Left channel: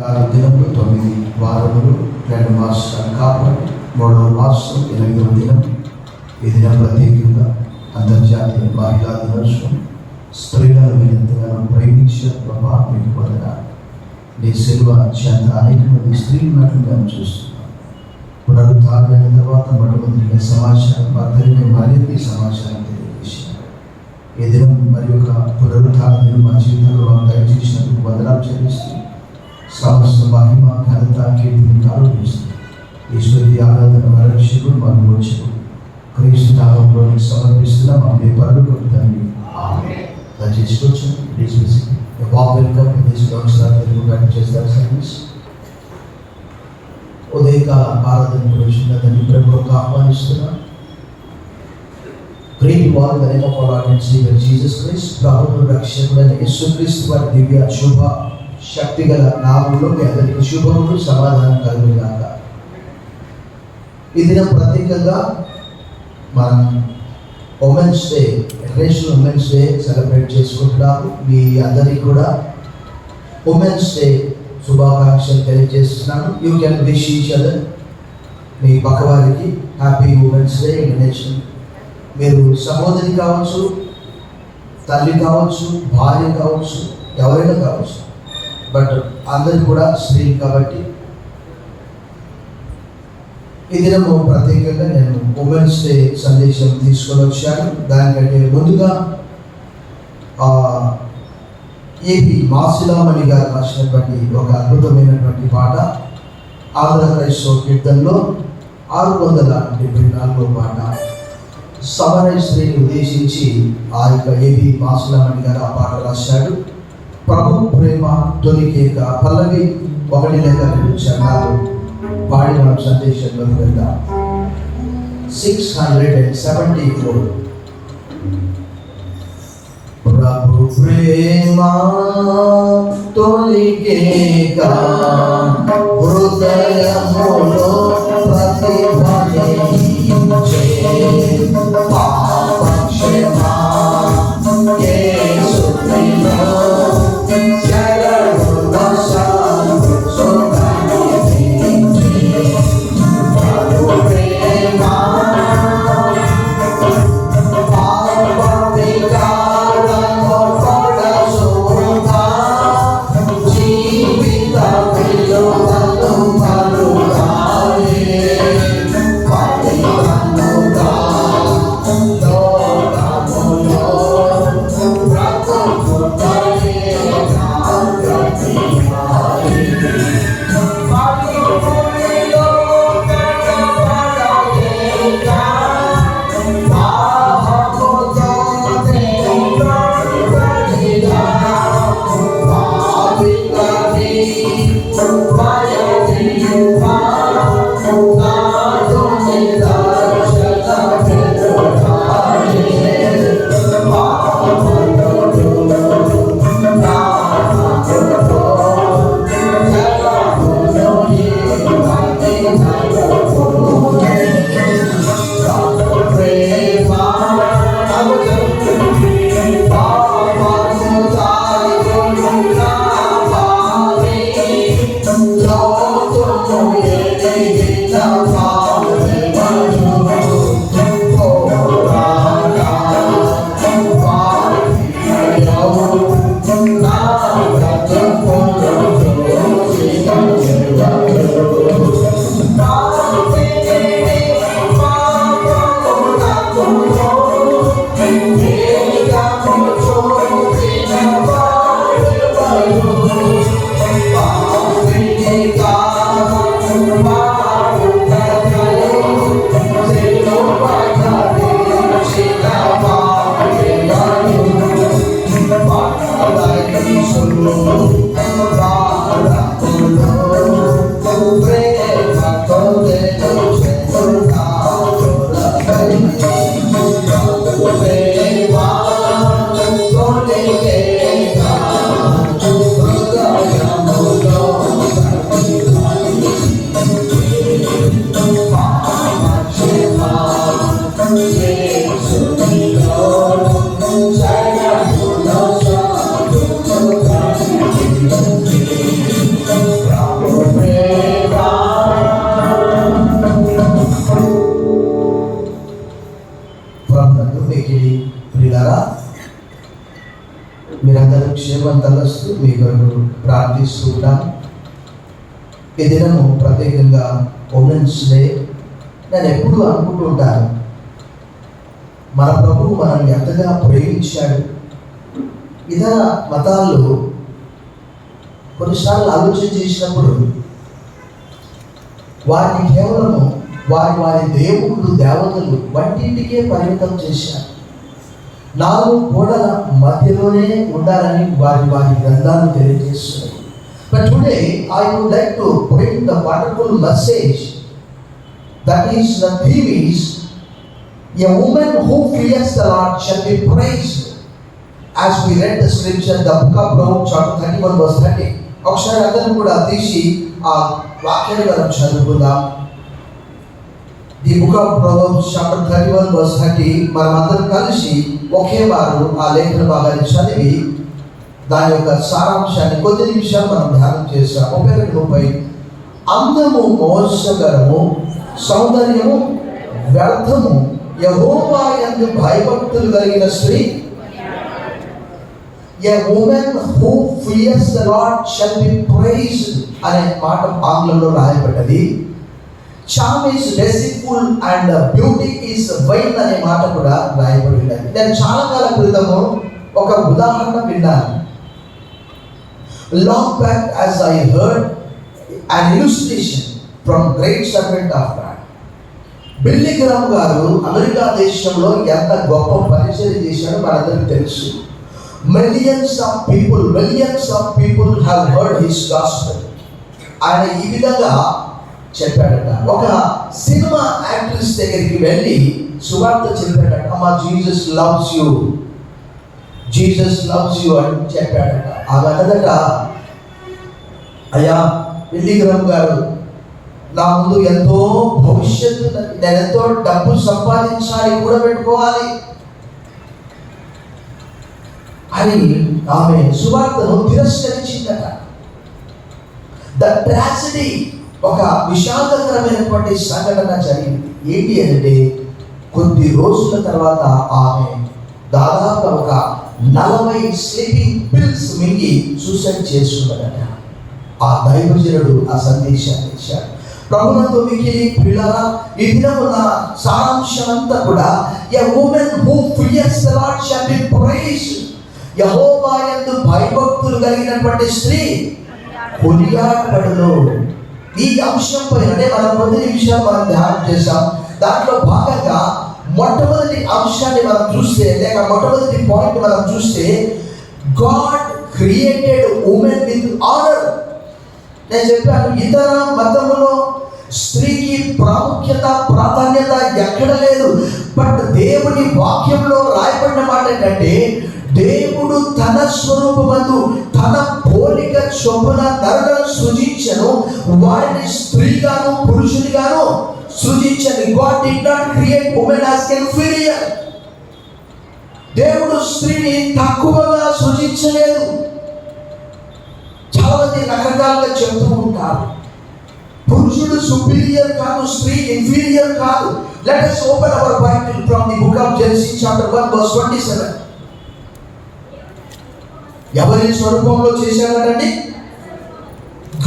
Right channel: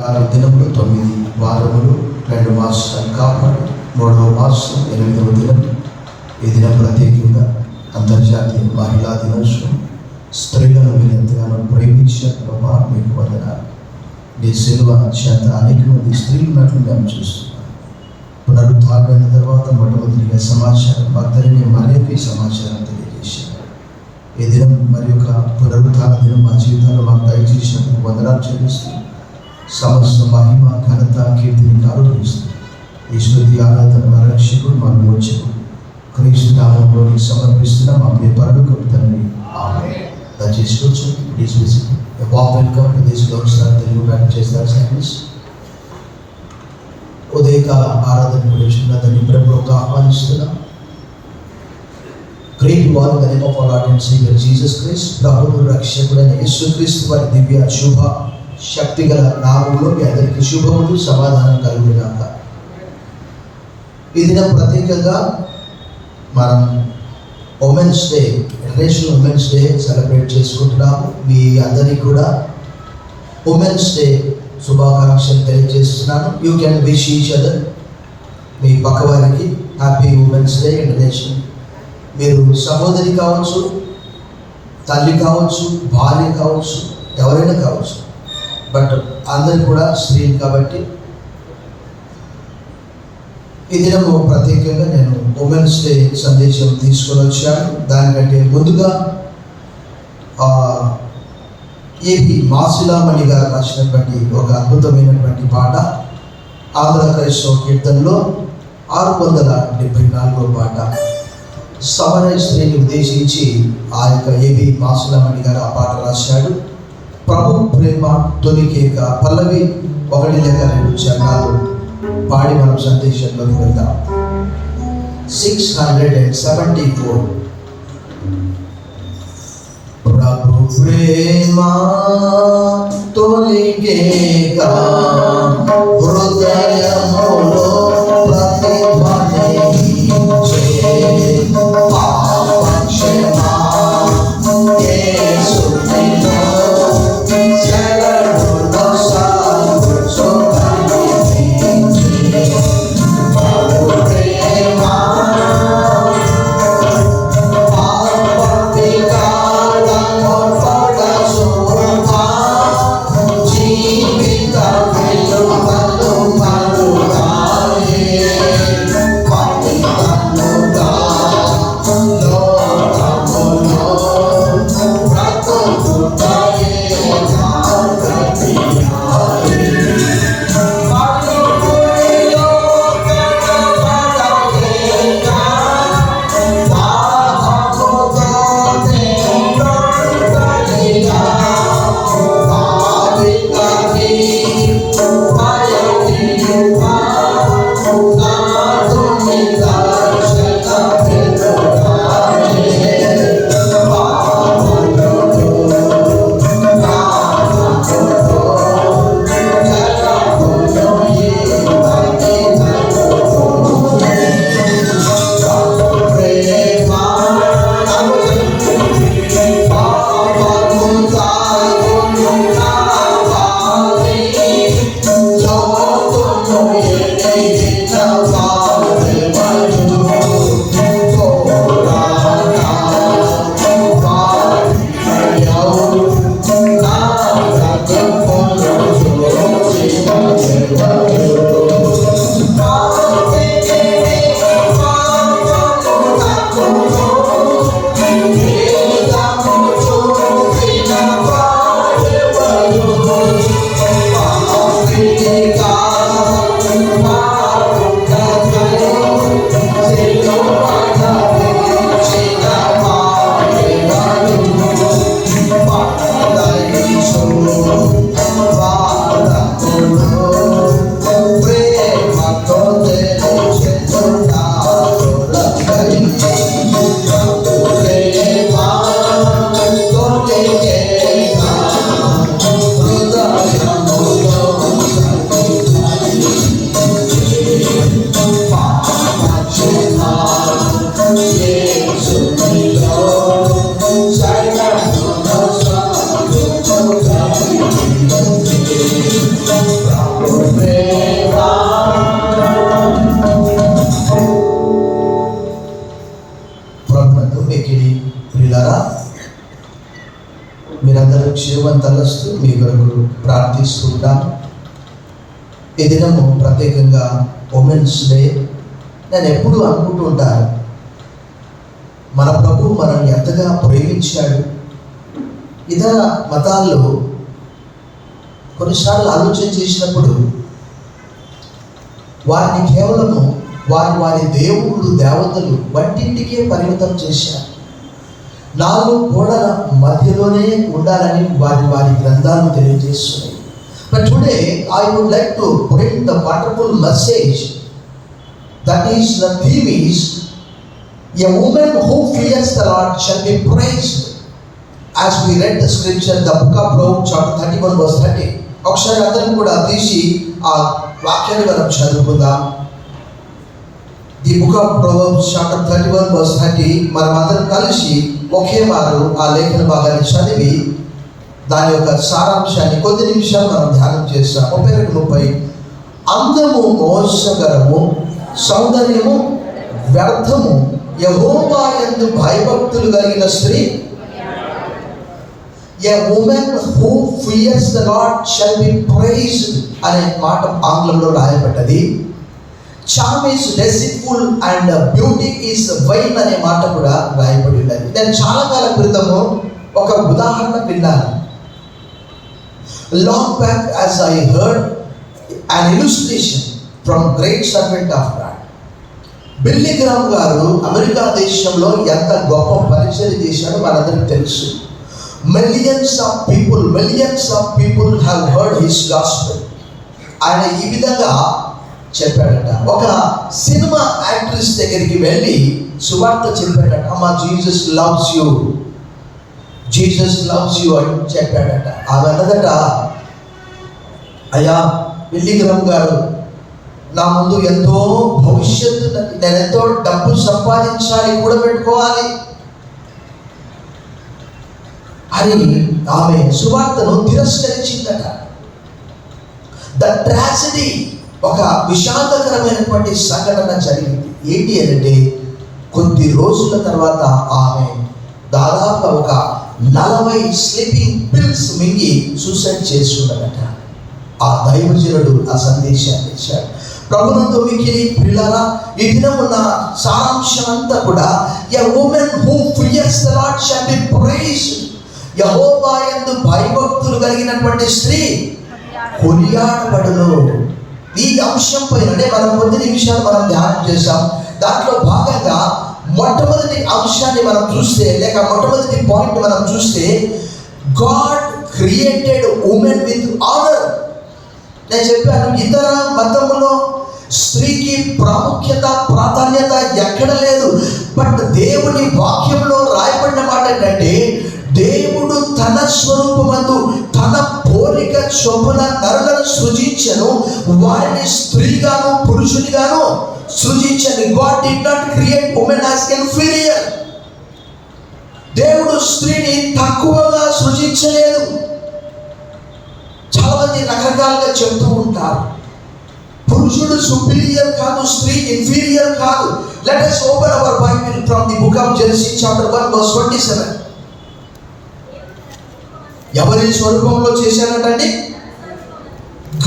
దినములు 9 వారములు 2 మాసాల కాపురం 3వ మాసం 8వ దినం. ఈ దినం ప్రత్యేకంగా అంతర్జాతీయ మహిళా దినోత్సవం. స్త్రీలను మీరు ఎంతగానో ప్రేమించే ప్రభా మీకు వందనాలు. నీ సిలువ చేత అనేక మంది స్త్రీలు ఉన్నట్లు మేము చూస్తున్నాం. పునరుద్ధారణ తర్వాత మొట్టమొదటిగా సమాచారం అందరికీ మరేపీ సమాచారం తెలియజేశారు. ఈ దినం మరి యొక్క పునరుద్ధారణ దినం మా జీవితంలో మాకు దయచేసినందుకు వందనాలు చెల్లిస్తూ సమస్త మహిమ ఘనత కీర్తిని ఆరోపిస్తుంది. ఈ స్తుతి ఆరాధన రక్షకుడు మన రోజులు క్రీస్తు నామంలో సమర్పిస్తున్నా మా పరలోక తండ్రి. దయచేసి కూర్చొని please visit welcome to this Telugu back చేస్తారు సర్వీస్. ఉదయకాల ఆరాధన కూర్చున్న దాన్ని ప్రభువుకు ఆహ్వానిస్తున్నాం. Great God in the name of our Lord and saviour Jesus Christ, ప్రభువు రక్షకుడైన యేసుక్రీస్తు వారి దివ్య శుభ శక్తి గల నామంలో మీ అందరికీ శుభములు సమాధానం కలుగుగాక. ఈ దినం ప్రత్యేకంగా మనం women's day, international women's day celebrate చేసుకుంటున్నాము. మీ అందరికీ కూడా ఉమెన్స్ డే శుభాకాంక్షలు తెలియజేస్తున్నాను. You can wish each other, మీ పక్కవారికి హ్యాపీ ఉమెన్స్ డే ఇంటర్నేషనల్. మీరు సహోదరి కావచ్చు, తల్లి కావచ్చు, భార్య కావచ్చు, ఎవరైనా కావచ్చు, బట్ అందరు కూడా స్త్రీలు కాబట్టి ఈ దినము ప్రత్యేకంగా నేను ఉమెన్స్ డే సందేశం తీసుకొని వచ్చాను. దానికంటే ముందుగా ఏపీ మాసిలామణి గారు రాసినటువంటి ఒక అద్భుతమైనటువంటి పాట, ఆంధ్ర క్రైస్తవ కీర్తనలో 674వ పాట, సమరయ స్త్రీని ఉద్దేశించి ఆ యొక్క ఏపీ మాసిలామణి గారు ఆ పాట రాశాడు. ప్రభు ప్రేమ తొలి కేక పల్లవి 1 లేక 2 చరణాలు పాడి మనం సందేశంలోకి వెళ్దాం. 674. ప్రభు ప్రేమ తొలి కేక హృదయములో ప్రతిధ్వనించే జీవిత ప్రార్థిస్తున్నాను. ఈ దినము ప్రత్యేకంగా ఉమెన్స్ డే. నేను ఎప్పుడు అనుకుంటూ ఉంటాను, మన ప్రభువు మనం ఎంతగా ప్రేమించాడు. ఇతర మతాల్లో కొన్నిసార్లు ఆలోచన చేసినప్పుడు వారిని కేవలము వారి దేవుడు దేవతలు వంటింటికే పరిమితం చేశారు. 4 గోడల మధ్యలోనే ఉండాలని వారి గ్రంథాలు తెలియజేస్తున్నాయి. But today I would like to bring the wonderful message. That is, the theme is, a woman who fears the Lord shall be praised. As we read the scripture, the book of Proverbs chapter 31 verse 30. ఒకసారి అందరం కూడా తీసి ఆ వాక్యాన్ని మనం చదువుకుందాం. The book of Proverbs chapter 31 verse 30. మనం అందరం కలిసి ఒకే వారు ఆ లేఖన భాగాన్ని చదివి దాని యొక్క సారాంశాన్ని కొద్ది నిమిషాలు మనం ధ్యానం చేస్తాం. 30 అందము మోసకరము, సౌందర్యము వ్యర్థము, యెహోవా యందు భయభక్తులు కలిగిన స్త్రీ. A woman who fears the Lord shall be praised అనే మాట ఆంగ్లంలో రాయబడ్డది. Charm is deceitful and beauty is vain అనే మాట కూడా రాయబడి ఉన్నది. నేను చాలా కాలం క్రితము ఒక ఉదాహరణ విన్నాను. Long back as I heard an illustration from great servant of God. Billy Graham గారు అమెరికా దేశంలో ఎంత గొప్ప పరిచయం చేశాడో మనందరికీ తెలుసు. Millions of people have heard his gospel. ఆయన ఈ విధంగా చెప్పాడట. ఒక సినిమా యాక్ట్రెస్ దగ్గరికి వెళ్ళి సువార్త చెప్పాడట. అమ్మా, జీసస్ లవ్స్ యూ అని చెప్పాడట. ఆమె అన్నదట, అయ్యా బిల్లీ గ్రామ్ గారు, నా ముందు ఎంతో భవిష్యత్తు, నేను ఎంతో డబ్బు సంపాదించాలి, కూడా పెట్టుకోవాలి అని ఆమె సువార్తను తిరస్కరించిందట. ద ట్రాజడీ, ఒక విషాదకరమైనటువంటి సంఘటన జరిగింది. ఏంటి అంటే, కొద్ది రోజుల తర్వాత ఆమె దాదాపు ఒక 40 స్లీపింగ్ పిల్స్ మింగి సూసైడ్ చేసుకున్నదట. ఆ దైవజనుడు ఆ సందేశాన్ని ఇచ్చాడు. ప్రభునందు మిక్కిలి ప్రియులారా, ఈ దినమున సారాంశం అంతా కూడా, a woman who fears the Lord shall be praised. యెహోవా యందు భయభక్తులు కలిగినటువంటి స్త్రీ కొనియాడబడును. ఈ అంశం పైననే మనం కొద్ది నిమిషాలు మనం ధ్యానం చేశాం. దాంట్లో భాగంగా మొట్టమొదటి అంశాన్ని మనం చూస్తే, లేక మొట్టమొదటి పాయింట్ మనం చూస్తే, God created women with honour. నేను చెప్పాను, ఇతర మతములో స్త్రీకి ప్రాధాన్యత ఎక్కడ లేదు. బట్ దేవుని వాక్యంలో రాయబడిన మాట ఏంటంటే, దేవుడు తన స్వరూపమందు తన పోలిక చొప్పున నరులను సృజించెను, వారిని స్త్రీగాను పురుషునిగాను సృజించను. God did not create women as inferior. దేవుడు స్త్రీని తక్కువగా సృజించలేదు. చాలా మంది రకరకాలుగా చెప్తూ ఉంటారు, పురుషుడు సుపీరియర్ కాదు, స్త్రీ ఇన్ఫీరియర్ కాదు. Let us open our Bible from the book of Genesis chapter 1 verse 27. ఎవరి స్వరూపంలో చేశారంటే,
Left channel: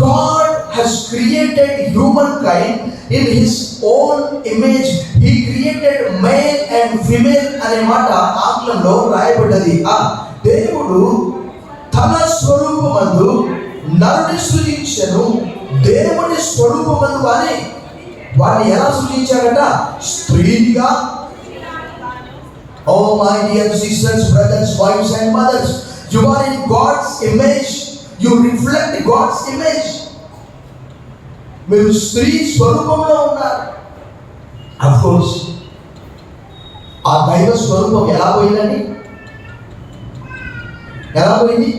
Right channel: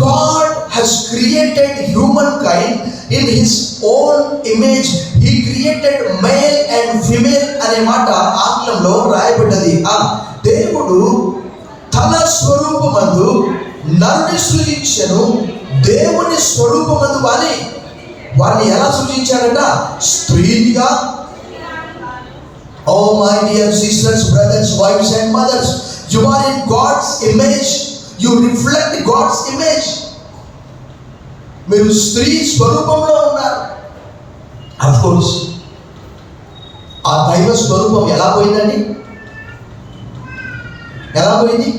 God has created humankind in his own image. He created male and female అనే మాట ఆంగ్లంలో రాయబడ్డది. ఆ దేవుడు తన స్వరూపమందు నరుని సృజించెను, దేవుని స్వరూపమందు వారిని ఎలా సృజించాడంట? స్త్రీగా. Oh my dear sisters, brothers, wives and mothers, you are in God's image. You reflect God's image. మీరు స్త్రీ స్వరూపంలో ఉన్నారు. అఫ్ కోర్స్ ఆ దైవ స్వరూపం ఎలా పోయిందండి? ఎలా పోయింది?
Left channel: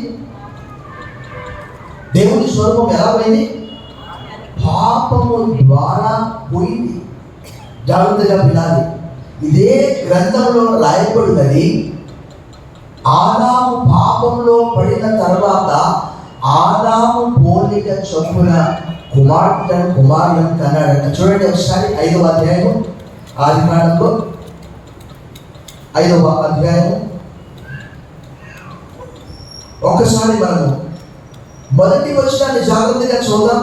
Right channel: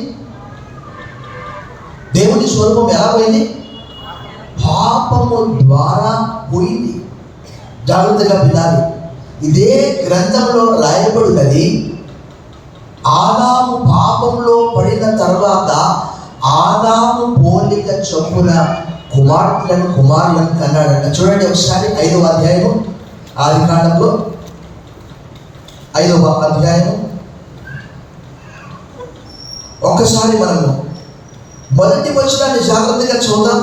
దేవుని స్వరూపం ఎలా పోయింది? పాపము ద్వారా పోయింది. జాగ్రత్తగా వినాలి. ఇదే గ్రంథంలో రాయబడినది. ఆదాము పాపంలో పడిన తర్వాత ఆదాము పోలిక చొప్పున కుమారులను కన్నాడట. చూడండి ఒకసారి 5వ అధ్యాయం, ఆదికాండంలో 5వ అధ్యాయం. ఒకసారి మనము మొదటి వచనాన్ని జాగ్రత్తగా చూద్దాం.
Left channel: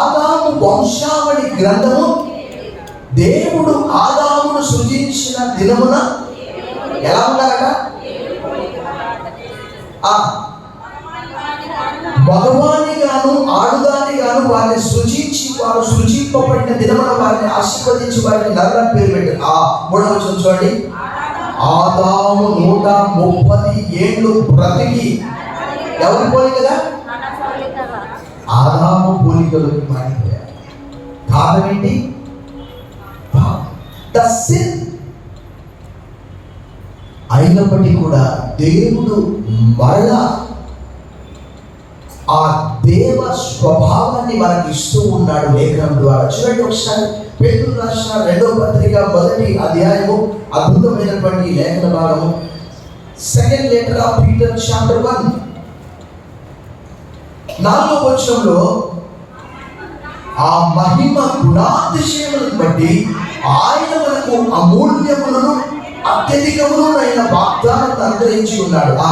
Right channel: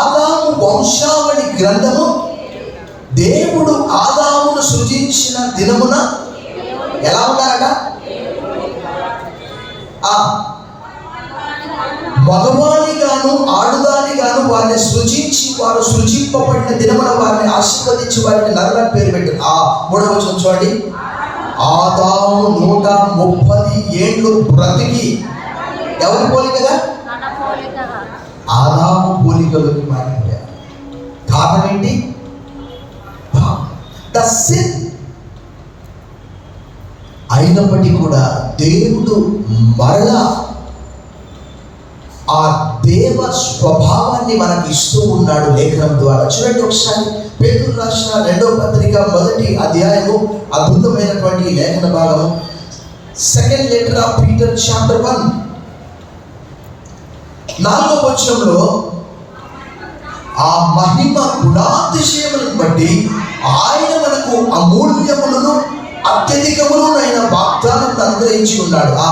ఆదాము వంశావళి గ్రంథము. దేవుడు ఆదామును సృజించిన దినమున ఎలా ఉన్నారట? మగవాణి గాను ఆడుదాని గాను వారిని సృజించి వారు సృజింపబడిన దినమున వారిని ఆశీర్వదించి వారిని నరన పేరు పెట్టారు. ఆ 3వ వచనం చూడండి. ఆదాము 130 ఏళ్ళు బ్రతికి ఎవరి పోలికగా? ఆదాము పోలికలోకి మారిపోయారు. కారణం ఏంటి? The sin. అయినప్పటికీ కూడా దేవుడు మరలా ఆ దేవ స్వభావాన్ని మనకి ఇస్తూ ఉన్నాడు లేఖనం ద్వారా. చూడండి ఒకసారి పేతురు రాసిన 2వ పత్రిక 1వ అధ్యాయము, అద్భుతమైనటువంటి లేఖన భాగము. Second letter of Peter chapter 1 4వ వచనంలో ఆ మహిమ గుణాతిశయములను బట్టి ఆయన మనకు అమూల్యములను అత్యధికములైన వాగ్దానం అనుగ్రహించి ఉన్నాడు. ఆ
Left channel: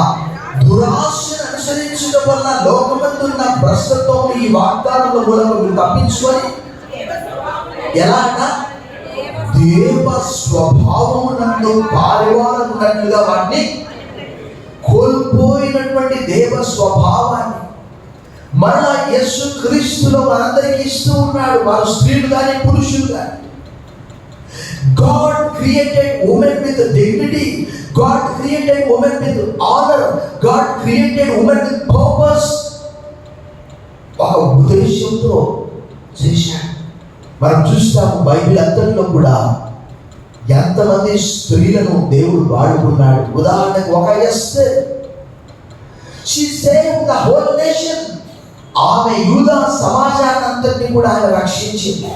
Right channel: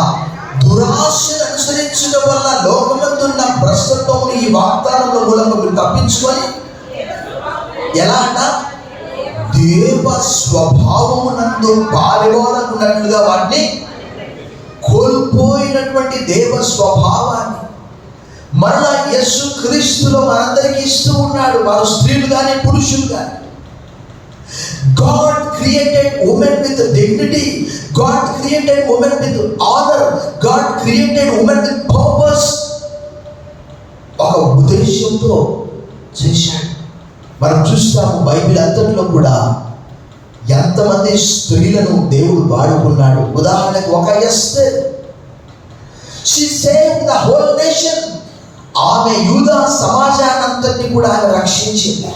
దురాశను అనుసరించడం వల్ల లోకమందున్న భ్రష్టత్వం ఈ వాగ్దానంలో మూలంగా మీరు తప్పించుకొని ఎలాంట దేవ స్వభావమునందు పారివారకున్నట్లుగా వాటిని కోల్పోయినటువంటి దేవ స్వభావాన్ని మరలా యేసు క్రీస్తులో మనందరికీ ఇస్తూ ఉన్నాడు. వారు స్త్రీలు కానీ పురుషులు కానీ. God created women with dignity. God created women with honor. God created women with purpose. ఒక ఉద్దేశంతో చేశాడు. మనం చూస్తాము బైబిల్ అంతట్లో కూడా ఎంతమంది స్త్రీలను దేవుడు వాడుకున్నాడు. ఉదాహరణకు ఒక Esther. She saved the whole nation. ఆమె యూదా సమాజాన్నంతటిని కూడా ఆయన రక్షించింది.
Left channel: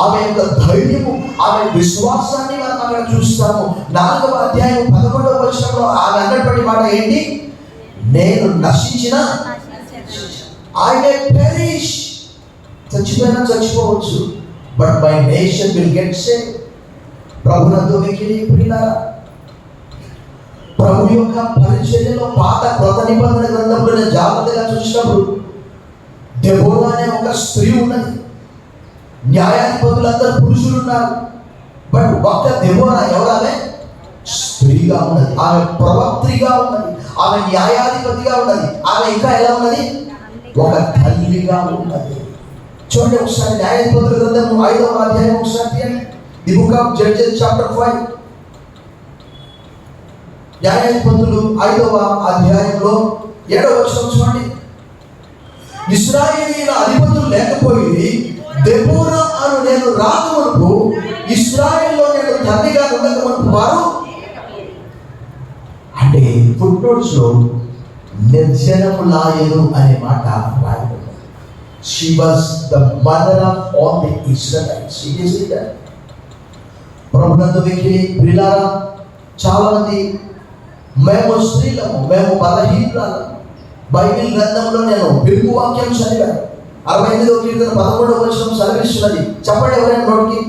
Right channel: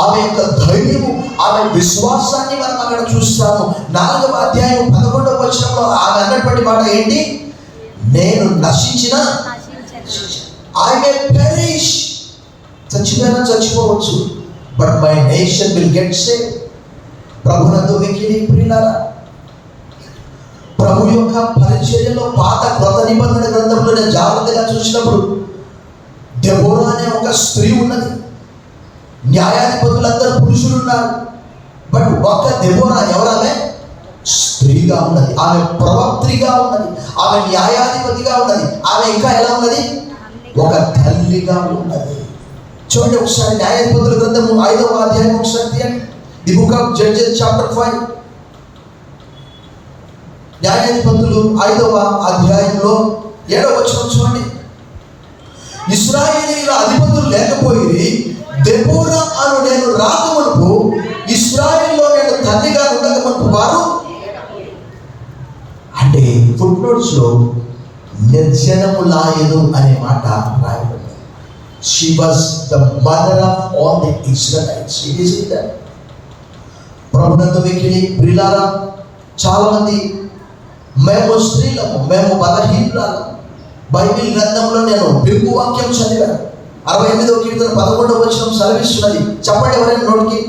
ఆమె యొక్క ధైర్యము, ఆమె విశ్వాసాన్ని మనం అక్కడ చూస్తాము. 4వ అధ్యాయం 11వ వచనంలో ఆమె అన్నటువంటి మాట ఏంటి? నేను నశించిన I may perish. చచ్చిపోయినా చచ్చిపోవచ్చు, but my nation will get save. ప్రభునందు మిక్కిలి ప్రియులారా, ప్రభు యొక్క పరిచర్యలో పాత క్రొత్త నిబంధన గ్రంథంలో నేను జాగ్రత్తగా చూసినప్పుడు దెబోరా అనే ఒక స్త్రీ ఉన్నది. న్యాయాధిపతులందరూ పురుషులు ఉన్నారు, బట్ ఒక దెబోరా ఎవరామె? స్త్రీగా ఉన్నది. ఆమె ప్రవక్త్రిగా ఉన్నది, ఆమె న్యాయాధిపతిగా ఉన్నది, ఆమె ఇంకా ఎలా ఉన్నది? ఒక తల్లిగా ఉన్నది. చూడండి ఒకసారి న్యాయాధిపతుల గ్రంథము 5వ అధ్యాయం ఒకసారి తీయండి. The book of judges chapter 5. న్యాయాధిపతులు 5వ అధ్యాయంలో 7వ వచనం చూడండి. ఇశ్రాయేలీయుల అధిపతులు లేకపోయి దెబోరా అను నేను రాకమునుపు ఇశ్రాయేల్లో నేను తల్లిగా ఉండకమునుపు వారు అంటే ఫుట్నోట్స్ లో నిర్జనములాయను అనే మాట రాయబడింది. She was the mother of all the Israelites. It is it. ప్రభునందు మిక్కిలి ప్రియులారా, చాలా మంది మేము స్త్రీలము, మేము బలహీనురాలము. బైబిల్ గ్రంథంలో నేను బింబు వాక్యం చదివాను. 68వ కీర్తన 11వ వచనం సెలవిస్తున్నది. చెప్పండి ఎవరైనా నోటికి.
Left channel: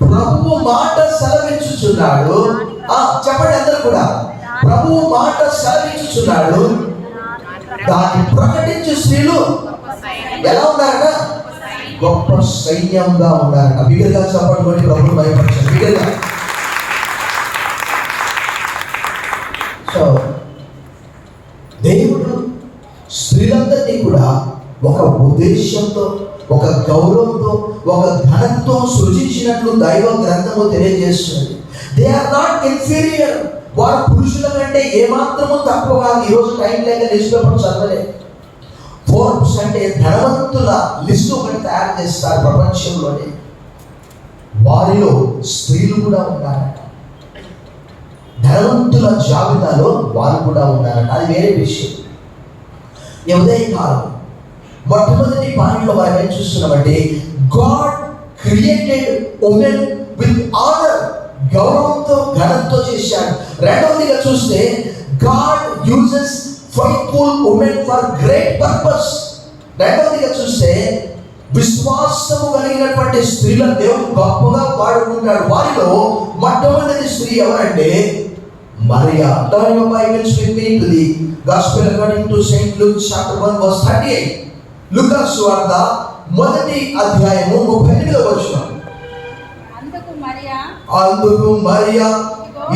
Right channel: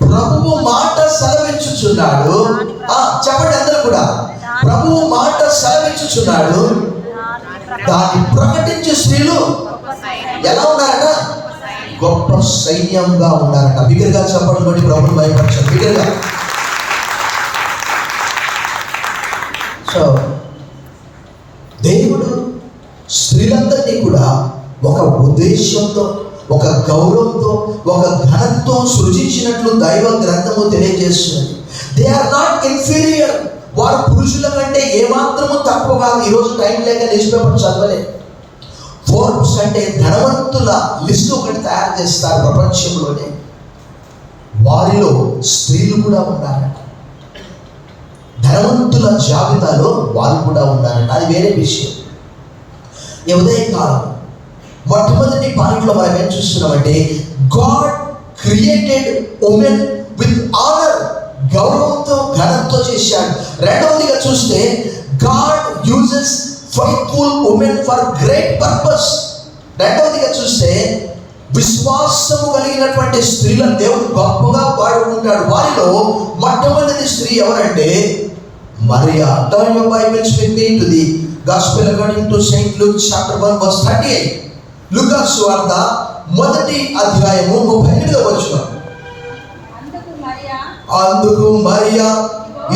ప్రభువు మాట సెలవించుచున్నాడు. చెప్పండి అందరూ కూడా. ప్రభువు మాట సెలవించుచున్నాడు, దాన్ని ప్రకటించే స్త్రీలు ఎలా ఉన్నారట? గొప్ప సైన్యంగా ఉన్నారట. బిగ్గరగా చెప్పండి, బట్టి ప్రభువు భయపరచారు. బిగ్గరగా. సో దేవుడు స్త్రీలందరినీ కూడా ఒక ఉద్దేశంతో, ఒక గౌరవంతో, ఒక ఘనంతో సృజించినట్లు దైవ గ్రంథము తెలియజేస్తుంది. They are not inferior. వారు పురుషుల కంటే ఏమాత్రము తక్కువ కాదు. ఈరోజు టైం లేక న్యూస్ పేపర్ చదవలేదు. ఫోర్బ్స్ అంటే ధనవంతుల లిస్టు ఒకటి తయారు చేస్తారు ప్రపంచంలోనే. వారిలో స్త్రీలు కూడా ఉన్నారట. ధనవంతుల జాబితాలో వారు కూడా ఉన్నారట. అది వేరే విషయం. ఉదయకాలం మొట్టమొదటి పాయింట్లో మనం ఏం చూస్తున్నామంటే, God created women with honour. గౌరవంతో, ఘనంతో చేశాడు. రెండవదిగా చూస్తే, God uses faithful women for great purpose. రెండవదిగా చూస్తే, విశ్వాసము కలిగినటువంటి స్త్రీలను దేవుడు గొప్పగా వాడుకుంటాడు. వారిలో మొట్టమొదటి స్త్రీ ఎవరంటే Maria. Turn your Bibles with me to the Gospel according to St. Luke chapter 1 verse 38. లూకా సువార్త మొదటి అధ్యాయము 38వ వచనం. అందుకు మరియా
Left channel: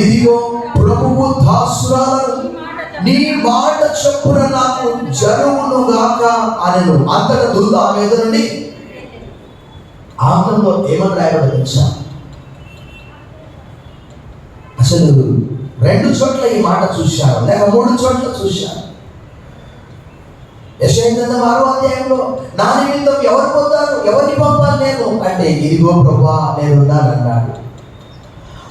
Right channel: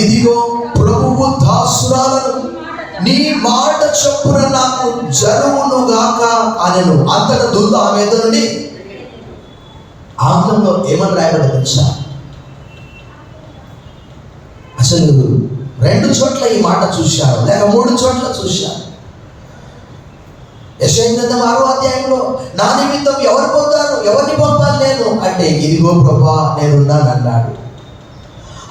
ఇదిగో ప్రభువు దాసురాలను, నీ మాట చొప్పున నాకు జరుగును గాక అనెను. అంతట దూత ఆమె ఎదురు నుండి, ఆంగ్లంలో ఏమని రాయబడింది తెలుసా? అసలు 2 చోట్ల ఈ మాట చూశారు, లేక 3 చోట్ల చూశారు. యెషయా గ్రంథం 6వ అధ్యాయంలో నా నిమిత్తం ఎవరు పోతారు, ఎవరిని పంపాలి నేను అంటే, ఇదిగో ప్రభువా నేనున్నాను అన్నాడు.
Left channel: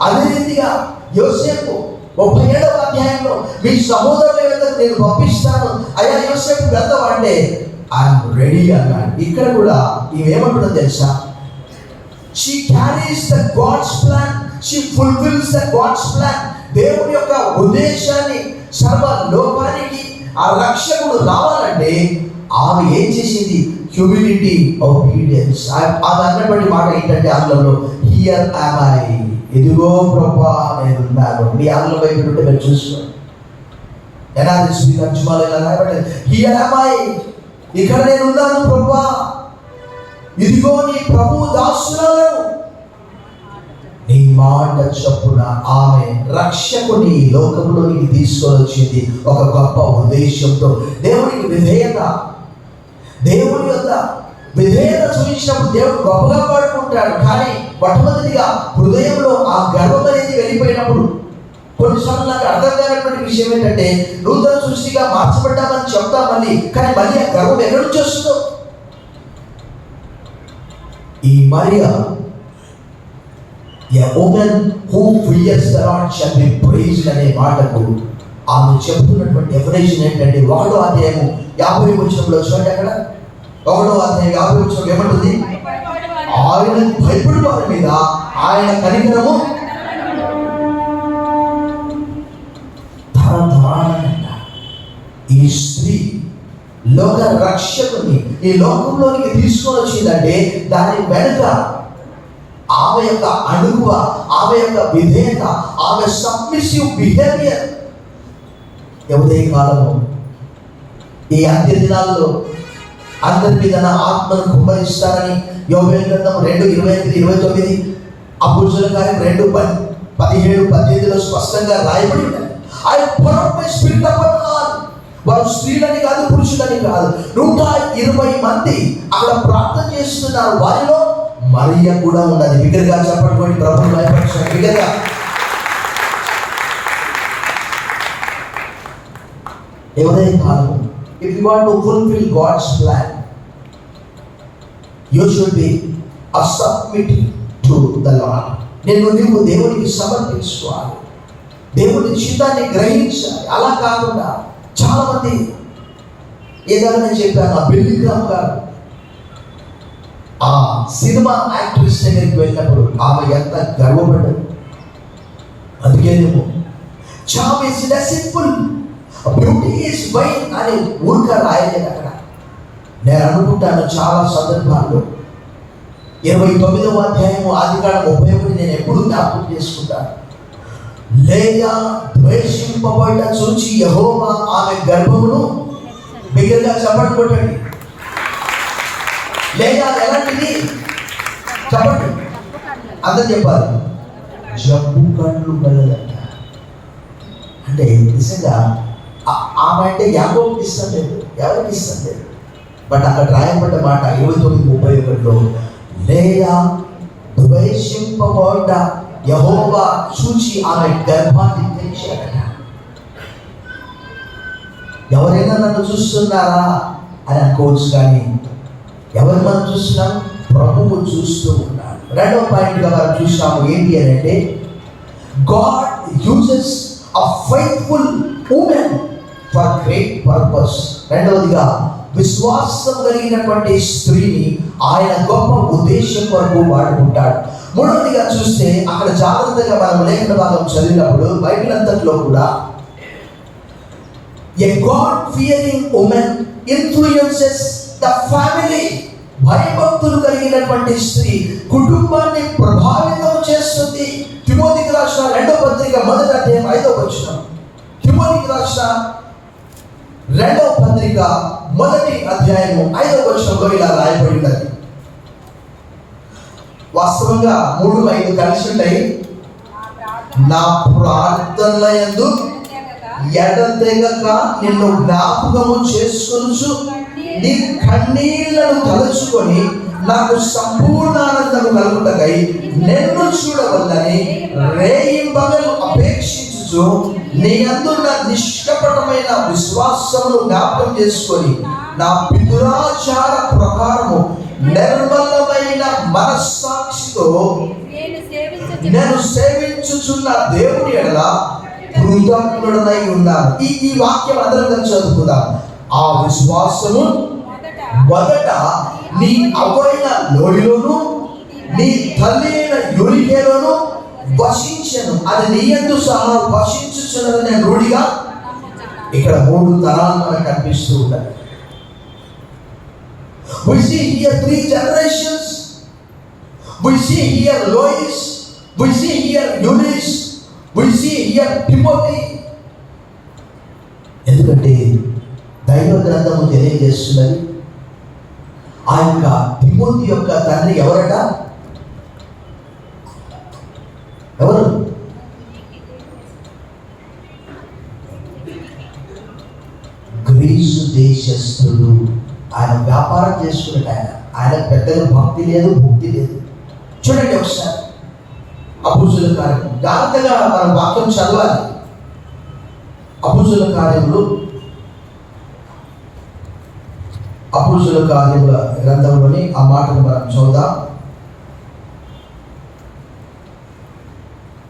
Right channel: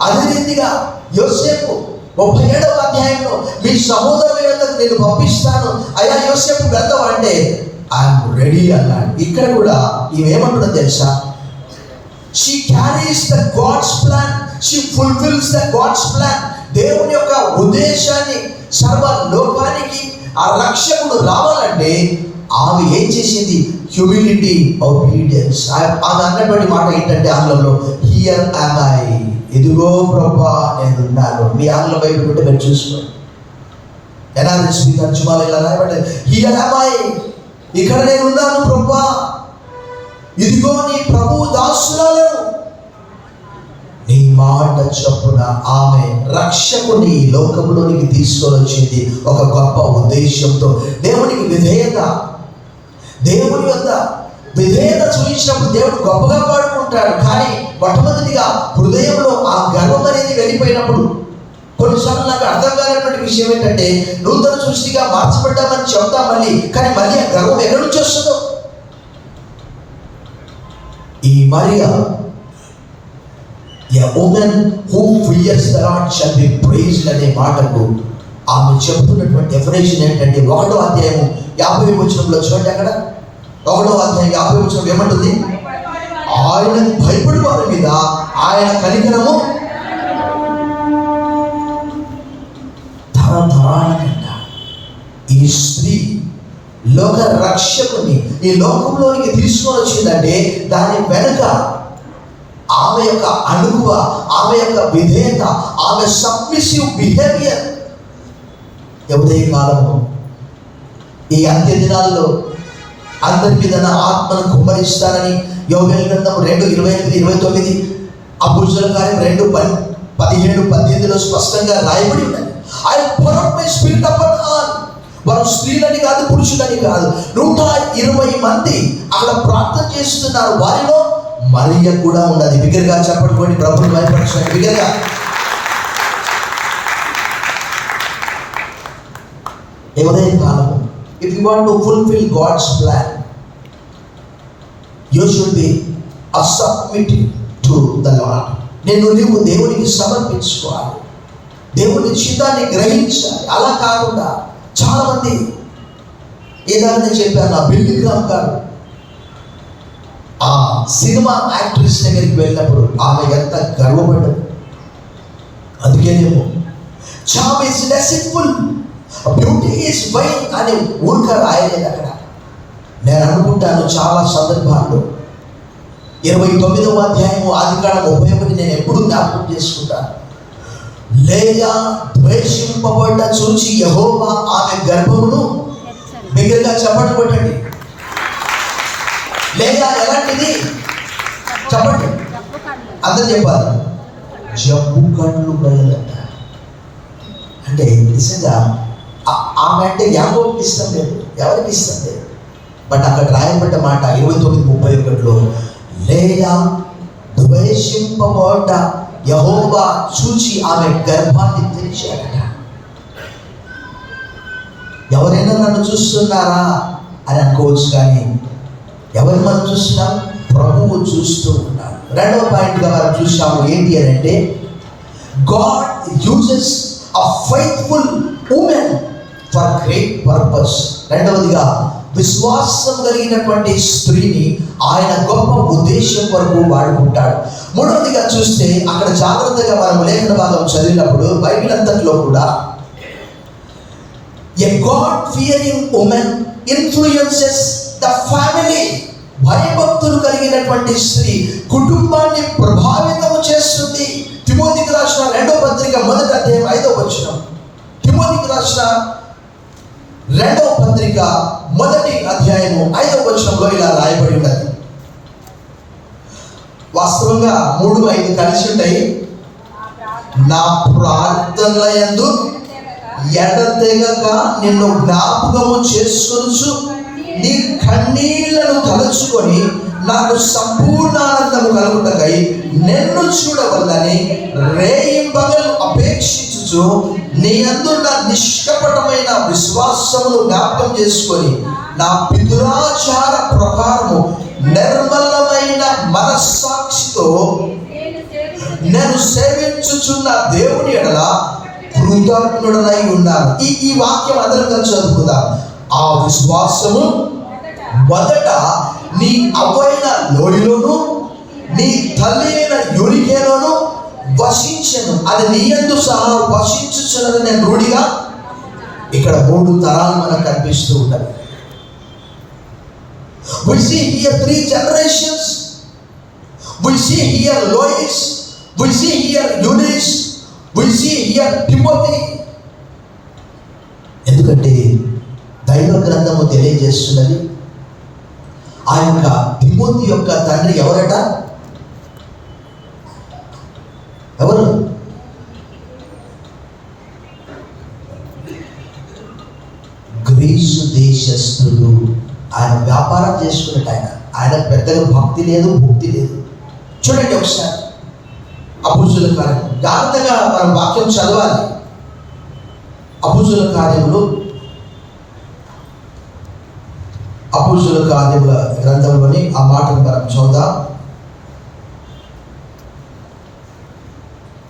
అదే రీతిగా యోసేపు 37వ అధ్యాయంలో మీ సహోదరులకు నేను పంపిస్తాను అయ్యా యోసేపు గ్రంథం అంటే ఐఎమ్ రెడీ అన్నాడు. ఇక్కడ కూడా ఈమెమంటుందో తెలుసా? She carries the God's plan, she fulfils the God's plan. దేవుని యొక్క ఉద్దేశాన్ని సర్వ లోకానికి ఆ రక్షకుడు రావాలంటే ఆమె ఏం చేసింది? Humility, obedience. ఆమె అన్నటువంటి మాట ఏంటంటే ఆంగ్లంలో హియర్ యామ్ ఐ, ఇదిగో ప్రభువా నేనున్నాను. మీ ఆంగ్ల వైపు నుండి మీరు చూసుకోండి. ఎన్ఆర్ఎస్పి తర్జుమాలో ఇలా రాయబడింది, హియర్ యామ్ ఐ, ఇక్కడ నేనున్నాను ప్రభువా, ఇదిగో నీ ప్రభువు దాసురాలను, నీ మాట చొప్పున. ఆమె రక్షకుని ఈ లోకంలోనికి తీసుకొని వచ్చింది ఒక గొప్ప ఉద్దేశంతో. దేవునికి విధేయత, దేవుని యొక్క విధేయత చూపించినప్పుడు దేవుడు గొప్పగా పాడుకుంటాడు. కానీ మొట్టమొదటిగా హృదయంలో ఆ గర్వం అనేది వెళ్ళిపోయినప్పుడు కొన్నిసార్లు నాకు అర్థం కానటువంటి విషయం ఏంటంటే, నూతన సృష్టిగా మార్చబడ్డామని చెప్తాం మళ్ళీ, కానీ మళ్ళీ ఆ గర్వం ఎక్కడి నుంచి వస్తుందో. ఈ Mariya a woman who fears the Lord shall be praised అనే మాటకు ఆమె చెప్తున్నటువంటి డెఫినేషన్ ఏంటంటే, 1వ అధ్యాయం 50వ వచనంలో చూడండి. అక్కడ 1వ అధ్యాయం 50వ వచనం ఏమంటుంది? ఆయన భయపడు వారి మీద ఆయన కనికరము తరతరానికంట. ఈ స్త్రీ లోక రక్షకుని ఈ లోకంలోనికి తీసుకొని వచ్చిందంటే దాని వెనుక ఆమె యొక్క అణుకువ, ఆమె యొక్క విధేయత, ఆమె సబ్మిసివ్ బిహేవియర్. ఎవరే కాలము ఈ అంత్య దినాల్లో అందరి మీద నా ఆత్మను కుమ్మరిస్తానని యోవేలు గ్రంథం 2:28-29, అపోస్తలుల కార్యం 2:17-18లో స్పష్టంగా రాయబడి ఉన్నది. I pour my spirit upon all. వారు స్త్రీలని కాదు, పురుషులని కాదు, 120 మంది అక్కడ ప్రార్థన చేస్తున్నారు. వారిలో మరియ కూడా ఉన్నది. బిగ్గరగా చెప్పండి, ప్రభువు భయపరచండి బిగ్గరగా. ఎవరైనా కాదు, if you want to fulfill God's plan, you should be submitted to the Lord. నీవు దేవునికి సమర్పించుకోవాలి, దేవుని చిత్తాన్ని గ్రహించాలి. అలా కాకుండా చాలా మంది ఏదైనా చెప్పాను. బిల్లీ గ్రామ్ గారు ఆ సినిమా యాక్ట్రెస్ దగ్గరికి వెళ్ళినప్పుడు ఆమె ఎంత గర్వపడ్డది. అందుకేనేమో చామ్ ఇస్ డెసిట్ఫుల్, బ్యూటీ ఈజ్ వైన్ అని ఊరిక రాయలేదు అక్కడ. నేను అనుకుంటాను చాలా సందర్భాల్లో 29వ అధ్యాయము ఆదికాండం 31 నేను ఎప్పుడు జ్ఞాపకం చేసుకుంటాను. లేయా ద్వేషింపబడ్డ చూచి యెహోవా ఆమె గర్భమును, బిగ్గరగా చెప్పండి కొట్టండి. లేయా ఎలాంటిది చెప్పండి, అందరూ చెప్పాలి. జబ్బు కళ్ళు కలదట. అంటే నిజంగా ఆమె అంటే యాకోబుకి ఇష్టం లేదు, ఎవరికి ఇష్టం లేదు. బట్ అక్కడ రాయబడ్డ మాట 29:31లో లేయా ద్వేషింపబడ్డ యెహోవా చూచి ఆమె గర్భాన్ని తెరిచాడట. ఎవరైనా నన్ను చూస్తున్నారా అని అనుకోవచ్చు, కానీ ఎవరు మనం చూస్తున్నాం? ప్రభువు చూస్తూ ఉన్నాడు. 2వ పాయింట్గా మనం చూసాము ఏంటి అని అంటే, God uses a faithful women for great purpose. 2వదిగా విశ్వాసం కలిగినటువంటి స్త్రీని ఆయన గొప్ప ఉద్దేశం వరకు వాడుకుంటాడు. 3వదిగా చూస్తే అక్కడ జాగ్రత్తగా మనం లేఖన భాగం చదివినప్పుడు బైబిల్ అంతట్లో కూడా a God fearing woman influences the family. భయభక్తులు కలిగినటువంటి స్త్రీ కుటుంబాన్ని ప్రభావితం చేస్తుంది. తిమోతికి రాసిన 2వ పత్రిక 1వ అధ్యాయం 5వ వచనం, పత్రిక 1వ అధ్యాయము 5వ వచనంలో ఇలా రాయబడి ఉన్నది. వాస్తవంగా 3-5 కలిసి ఉంటాయి. నా ప్రార్థనలయందు ఎడతెగక నిన్ను జ్ఞాపకము చేసుకొనుచు నీ కన్నీళ్లను తలచుకొని నాకు సంపూర్ణానందము కలుగుటకై నిన్ను చూడవల్లని రేయింబగలు అపేక్షించుచు నీ అందున్న నిష్కపటమైన విశ్వాసమును జ్ఞాపకం చేసుకొని నా పితృాచార ప్రకారము నిర్మలమైన మనస్సాక్షితో నేను సేవించుచున్న దేవుని ఎడల కృతజ్ఞుడనై ఉన్నాను. ఈ వాక్యం అందరం కలిసి చదువుకుందాం. ఆ విశ్వాసము మొదట నీ అవ్వైన లోయలోను నీ తల్లి అయిన యోనికేలోను వసించెను. అది నీ యందు సహా వసించుచున్నది నేను రూఢిగా. ఇక్కడ 3 తరాలు మనకు కనిపిస్తూ ఉంటాయి. We see here 3 generations. We see here Lois. We see here Eunice. We see here Timothy. ఎందుకంటే దైవ గ్రంథము తెలియజేస్తున్నది ఆ యొక్క తిమోతి యొక్క తండ్రి ఎవరట? ఎవరు? గ్రీసు దేశస్థుడు. ఆయన వ్యాపారం చేసుకున్నట్టు ఆయన పెద్దగా భక్తి లేదు, భక్తి లేదు. చూడండి ఒకసారి అపోస్తుల కార్యం జాగ్రత్తగా మన వాక్యం చదవాలి. అపోస్తుల కార్యముల గ్రంథంలోని ఆ మాటను మనం చదువుదాం.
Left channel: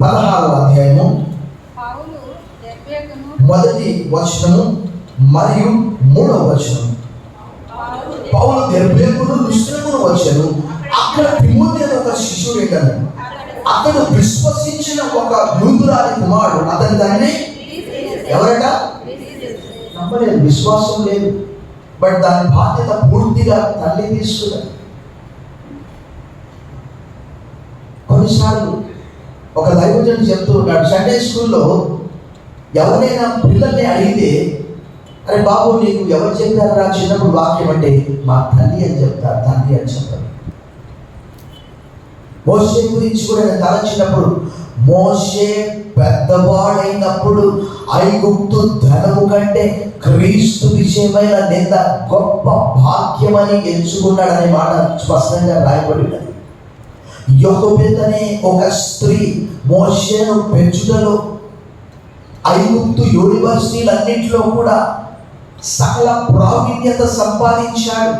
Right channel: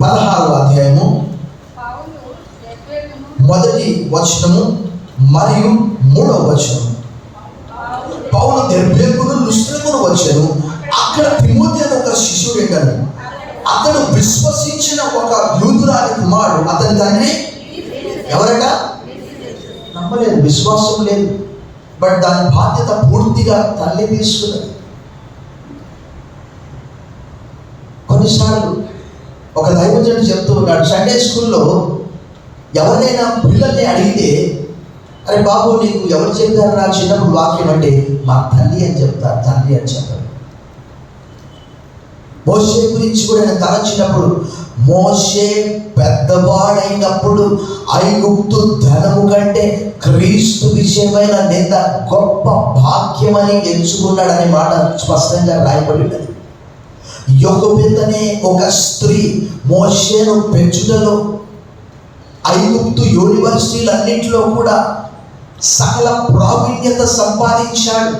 16వ అధ్యాయము 1వ వచనము మరియు 3వ వచనము. పౌలు దెర్బేకును లుస్త్రకును వచ్చాను. అక్కడ తిమోతి అనే ఒక శిష్యుడు ఏంటను అతడు విశ్వసించిన ఒక యూదురాలి కుమారుడు. అతని దాన్ని ఎవరట? నమ్మలేదు, విశ్వాసం లేదు. బట్ దాని బాధ్యత పూర్తిగా తల్లి తీసుకున్నది. కొన్నిసార్లు ఒక దైవజనుడు చెప్తూ ఉన్నాడు, సండే స్కూల్లో ఎవరైనా పిల్లల్ని అడిగితే, అరే బాబు నీకు ఎవరు చెప్పారు నా చిన్నప్పుడు వాక్యం అంటే, మా తల్లి అని చెప్తారు. తల్లి అని చెప్పారు. మోషే గురించి కూడా నేను తలచినప్పుడు, మోషే పెద్దవాడైనప్పుడు ఐగుప్తు ధనము కంటే క్రీస్తు విషయమైన నింద గొప్ప భాగ్యమని ఎంచుకున్నాడనే మాట స్పష్టంగా రాయబడినది. యోకోబెద్ అనే ఒక స్త్రీ మోషేను పెంచుటలో ఐగుప్తు యూనివర్సిటీలన్నింటిలో కూడా సకల ప్రావీణ్యత సంపాదించాడు.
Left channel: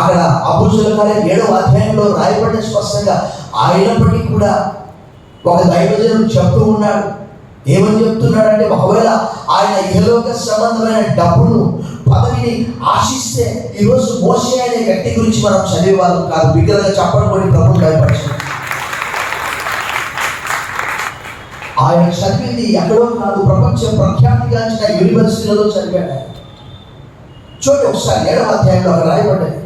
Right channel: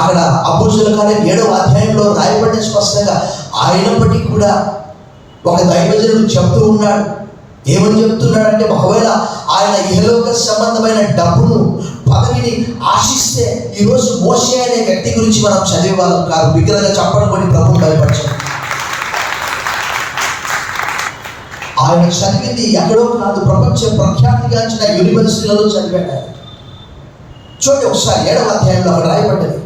అక్కడ అపోస్తుల కార్యం 7వ అధ్యాయంలో రాయబడిన స్పష్టంగా. అయినప్పటికీ కూడా ఒక దైవజనుడు చెప్తూ ఉన్నాడు. ఏమని చెప్తున్నాడంటే, ఒకవేళ ఆయన ఇహలోక సంబంధమైన డబ్బును పదవిని ఆశిస్తే ఈరోజు మోషే అనే వ్యక్తి గురించి మనం చదివేవాళ్ళం కాదు. బిగ్గరగా చెప్పడం కూడా ప్రభువు భయపడతాం. ఆయన చదివింది ఎక్కడో కాదు, ప్రపంచ ప్రఖ్యాతిగాంచిన యూనివర్సిటీలలో చదివాడు. చూడండి ఒకసారి 7వ అధ్యాయంలో అక్కడ రాయబడ్డది.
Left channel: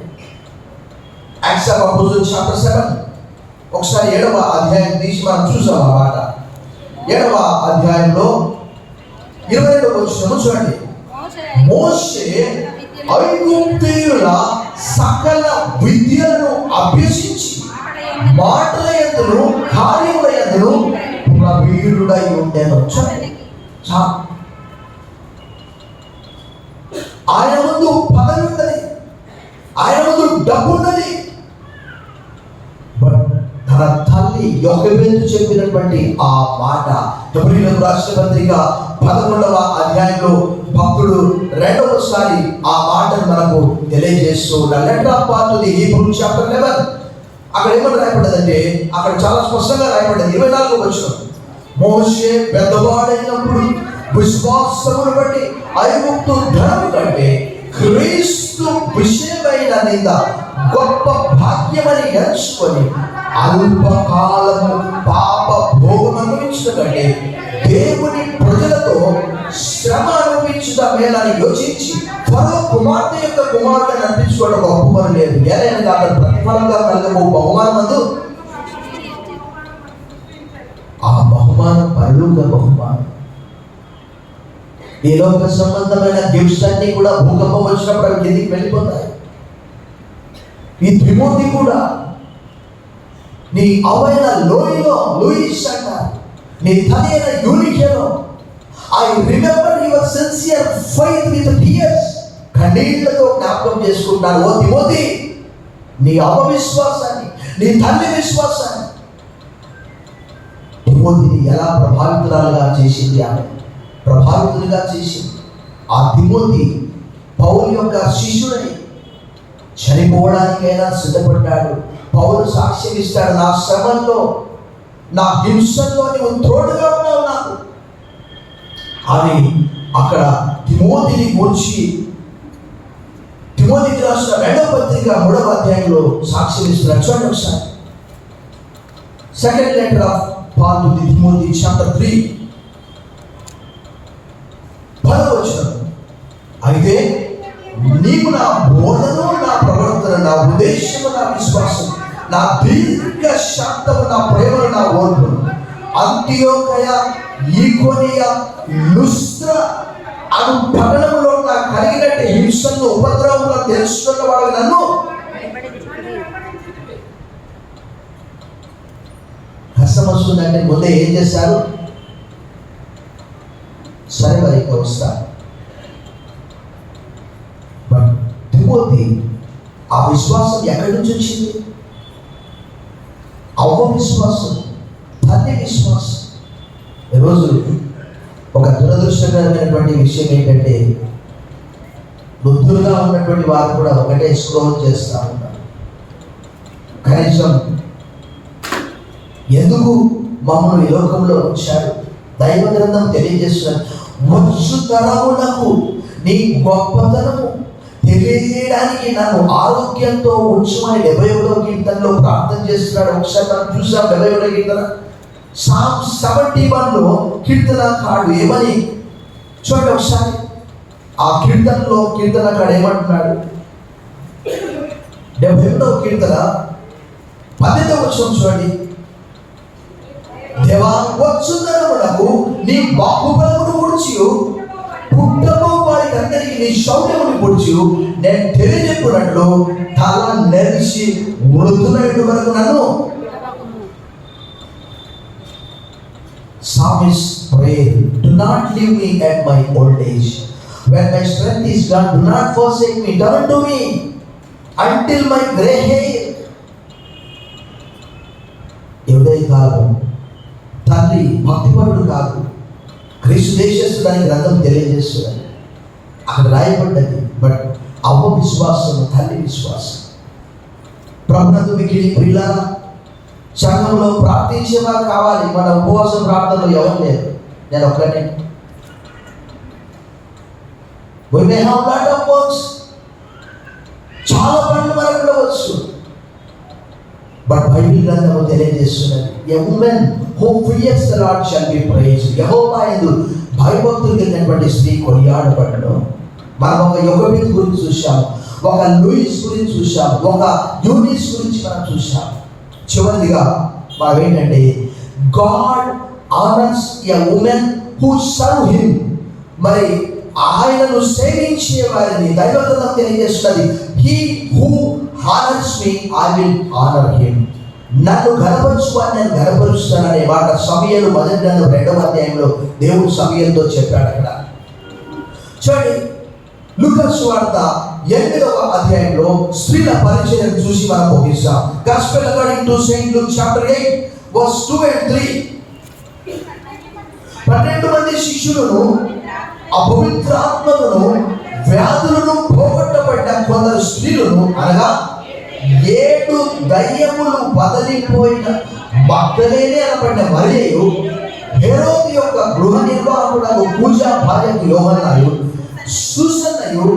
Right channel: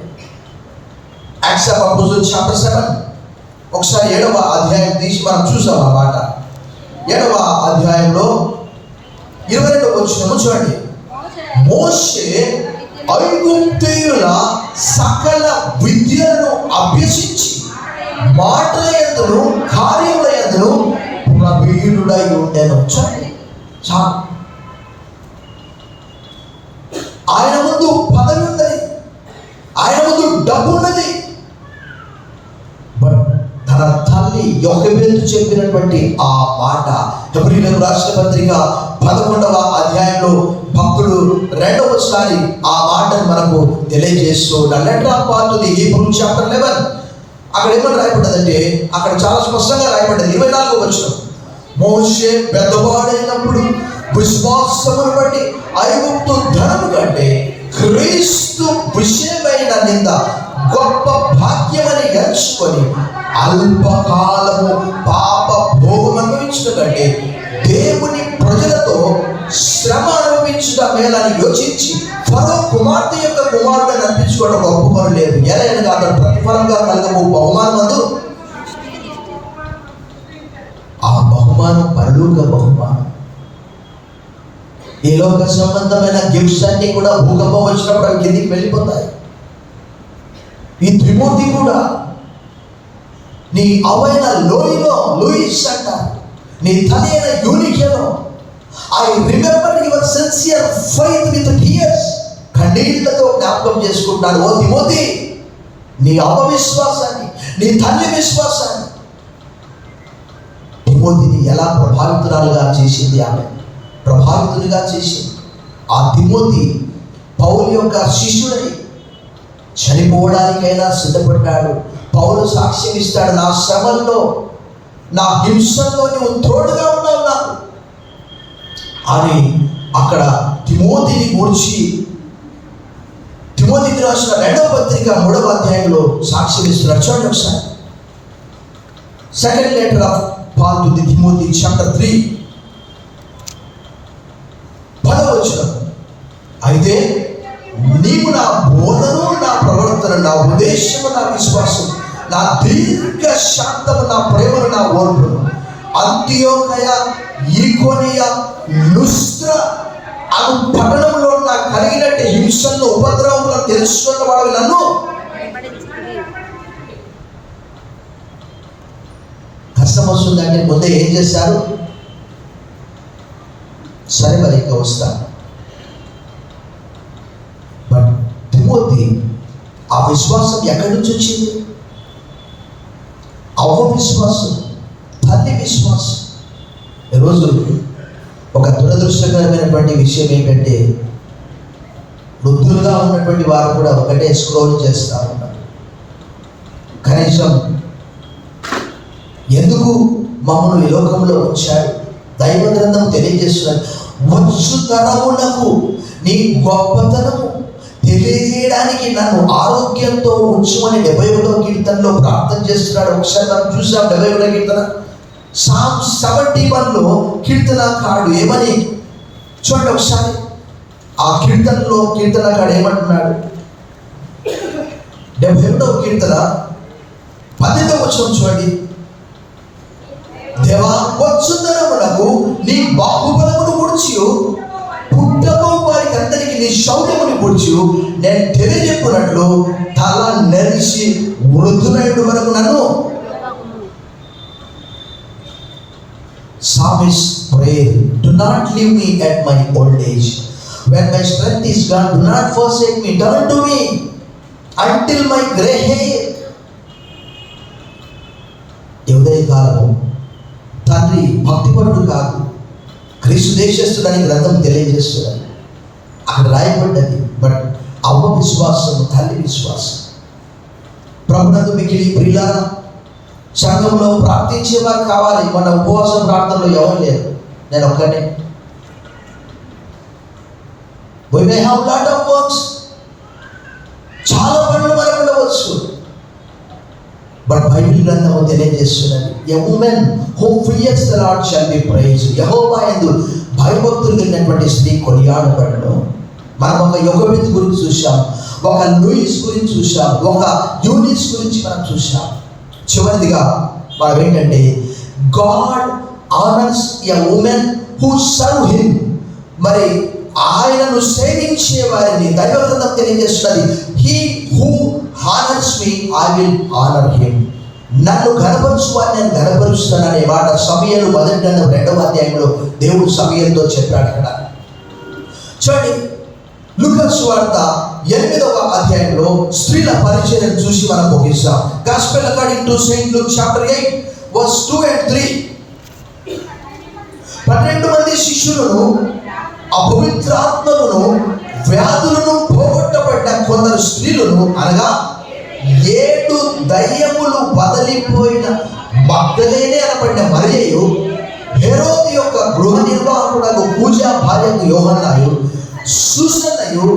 Acts of Apostles chapter 7. ఒకసారి 7వ అధ్యాయం తీసి మనం చూసాం ఆ మాట. 7వ అధ్యాయంలో 22వ వచనం చూడండి. మోషే ఐగుప్తీయుల సకల విద్యలను అభ్యసించి మాటల యందును కార్యముల యందును ప్రవీణుడై ఉండెను. ఆయన ముందు పదవి ఉన్నది, ఆయన ముందు డబ్బు ఉన్నది. తన తల్లి యోకోబెదు చెప్పినటువంటి ఆ మాట హెబ్రీయులకు రాసిన పత్రిక 11వ అధ్యాయంలో భక్తుడు 2వసారి ఆ మాటను మనకు తెలియజేస్తూ ఉన్నాడు. Letter of Paul to the Hebrew chapter 11. అక్కడ ఏమని రాయబడ్డదంటే, అక్కడ చాలా స్పష్టంగా రాయబడ్డది. 24వ వచనం. మోషే పెద్దవాడైనప్పుడు విశ్వాసమును బట్టి ఐగుప్తు ధనము కంటే క్రీస్తు విషయమైన నింద గొప్ప భాగ్యమని ఎంచుకొని అల్పకాలము పాప భోగం అనుభవించడం కంటే దేవుని ప్రజలతో శ్రమ అనుభవించుట మేలని యోచించి ఫరో కుమార్తె యొక్క కుమార్తెను అనిపించుకోవడం గొప్ప పని లేదు. ఎలాగైనా అక్కడ ప్రతిఫలంగా కలగబో బహుమానం, ఆ బహుమానం పరలోక బహుమానం. ఈ లోక సంబంధమైన గిఫ్ట్స్ అన్ని కూడా భూకంపం వచ్చినప్పుడు అవి కిందికి వెళ్ళిపోతాయి. ఈ తిమోతి కూడా నీ అవైన లోయలో, లూయిస్ అంటారు, నీ తల్లి అయిన యూనికేలో, I remember your sincere faith with tears, కన్నీళ్లతో జ్ఞాపకం చేసుకుంటారు. ఓ తిమోతి, నీ అవిశ్వాసాన్ని, నీ తల్లి విశ్వాసాన్ని, తిమోతిని ఎలా ప్రభావితురాలుగా చేసింది, ఆమె ప్రభావితులుగా చేసింది. ఆ తిమోతి పౌలు యొక్క శిష్యుడై చనిపోవడానికైనా సిద్ధపడ్డాడు. పౌలు సాక్ష్యం ఇస్తాడు, నా శ్రమంలో, నా హింసలో నువ్వు తోడుగా ఉన్నావు నాకు అని. అక్కడ తిమోతిని గూర్చి తిమోతికి రాసిన 2వ పత్రిక 3వ అధ్యాయంలో సాక్ష్యం ఇస్తున్నాడు. చూడండి ఒకసారి. Second letter of Paul to the Timothy, chapter 3 10వ వచనం. అయితే నీవు నా బోధను, నా ప్రవర్తన, నా ఉద్దేశము, నా విశ్వాసం, నా దీర్ఘ శాంతము, నా ప్రేమను, నా ఓర్పును అంతియోకయ, ఈకొనియ, లుస్త్ర అను పట్టణంలో నాకు కలిగినట్టు హింసలను, ఉపద్రవములను తెలుసుకున్న వాడు నన్ను కష్టం వస్తుందంటే ముందే ఏం చేశారు? సరే మరి ఇంకా వస్తా. బట్ తిమోతి ఆ విశ్వాసం ఎక్కడి నుంచి వచ్చింది? అవ్వ విశ్వాసం, తల్లి విశ్వాసం. ఈరోజు ఒక దురదృష్టకరమైనటువంటి విషయం ఏంటంటే, వృద్ధులుగా ఉన్నటువంటి వారు కూడా ఒకటే స్క్రోల్ చేస్తూ ఉన్నారు. కనీసం ఎందుకు మమ్మల్ని ఈ లోకంలో ఉంచాడు? దైవ గ్రంథం తెలియజేస్తున్నారు, వచ్చు తరమునకు నీ గొప్పతనము తెలియజేయడానికి నన్ను ఆరోగ్యంతో ఉంచమని 71వ కీర్తనలో ప్రార్థన చేస్తున్నాడు. ఒకసారి మనం చూసాం 71వ కీర్తన. Psalm 71లో కీర్తనకారుడు ఏమని చూడండి ఒకసారి. ఆ కీర్తనలో కీర్తనకారుడు ఏమంటున్నాడు? 71వ కీర్తన 10వ వచనం చూడండి. దేవా, వచ్చుదనమునకు నీ బాహుబలమును గురించి, పుట్టబో వారికి అందరికీ నీ శౌర్యమును గురించి నేను తెలియజెప్పునట్లు తల నెరిచి వృద్ధులైన వరకు నన్ను. Psalmist pray, do not leave me at my old age. When my strength is gone, do not forsake me. Turn to me until my gray hair. ఎవరే కాదు, తండ్రి భక్తిపరుడు కాదు, క్రీస్తు దేశస్తుడని గ్రంథం తెలియజేస్తున్నాడు. అక్కడ రాయబడ్డది. బట్ అవ్వ విశ్వాసం, తల్లి విశ్వాసం. ప్రభునందు మిగిలి ప్రియులారా, సంఘంలో ప్రార్థించేవారు కావాలి. మన ఉపవాసం ప్రార్థనలో ఎవరు లేరు, నేను ఒక్కనే. We may have lot of works, చాలా పనులు మనకు ఉండవచ్చు. బట్ బైబిల్ గ్రంథం తెలియజేస్తున్నది, a woman who fears the Lord shall be praised. యెహోవా యందు భయభక్తులు కలిగినటువంటి స్త్రీ కొనియాడబడును. మనం ఒక యోగబేత్ గురించి చూసాం, ఒక లూయిస్ గురించి చూసాం, ఒక యూనిస్ గురించి మనం చూసాం. చివరిదిగా మనం ఏంటంటే, God honours a women who serve him. మరి ఆయనను సేవించే వారిని దైవ గ్రంథం తెలియజేస్తున్నది, he who honours me I will honour him. నన్ను గణపరచు వారిని నేను గణపరుస్తాననే మాట సమూయేలు 1వ గ్రంథం 2వ అధ్యాయంలో దేవుడు సమూయేలుతో చెప్పాడు. అక్కడ చూడండి, లూకా సువార్త 8వ అధ్యాయంలో స్త్రీల పరిచయం చూసి మనం ముగిస్తాం. Gospel according to Saint Luke chapter 8 verse 2 and 3. 12 మంది శిష్యులను, అపవిత్రాత్మలను, వ్యాధులను పోగొట్టబడ్డ కొందరు స్త్రీలను, అనగా 7 దయ్యములు వదిలిపోయిన మగ్దలేనే అనబడిన మరియయు, హెరోదు యొక్క గృహ నిర్వాహకుడకు కూజా భార్యకు యోహన్నయు, సూసన్నయు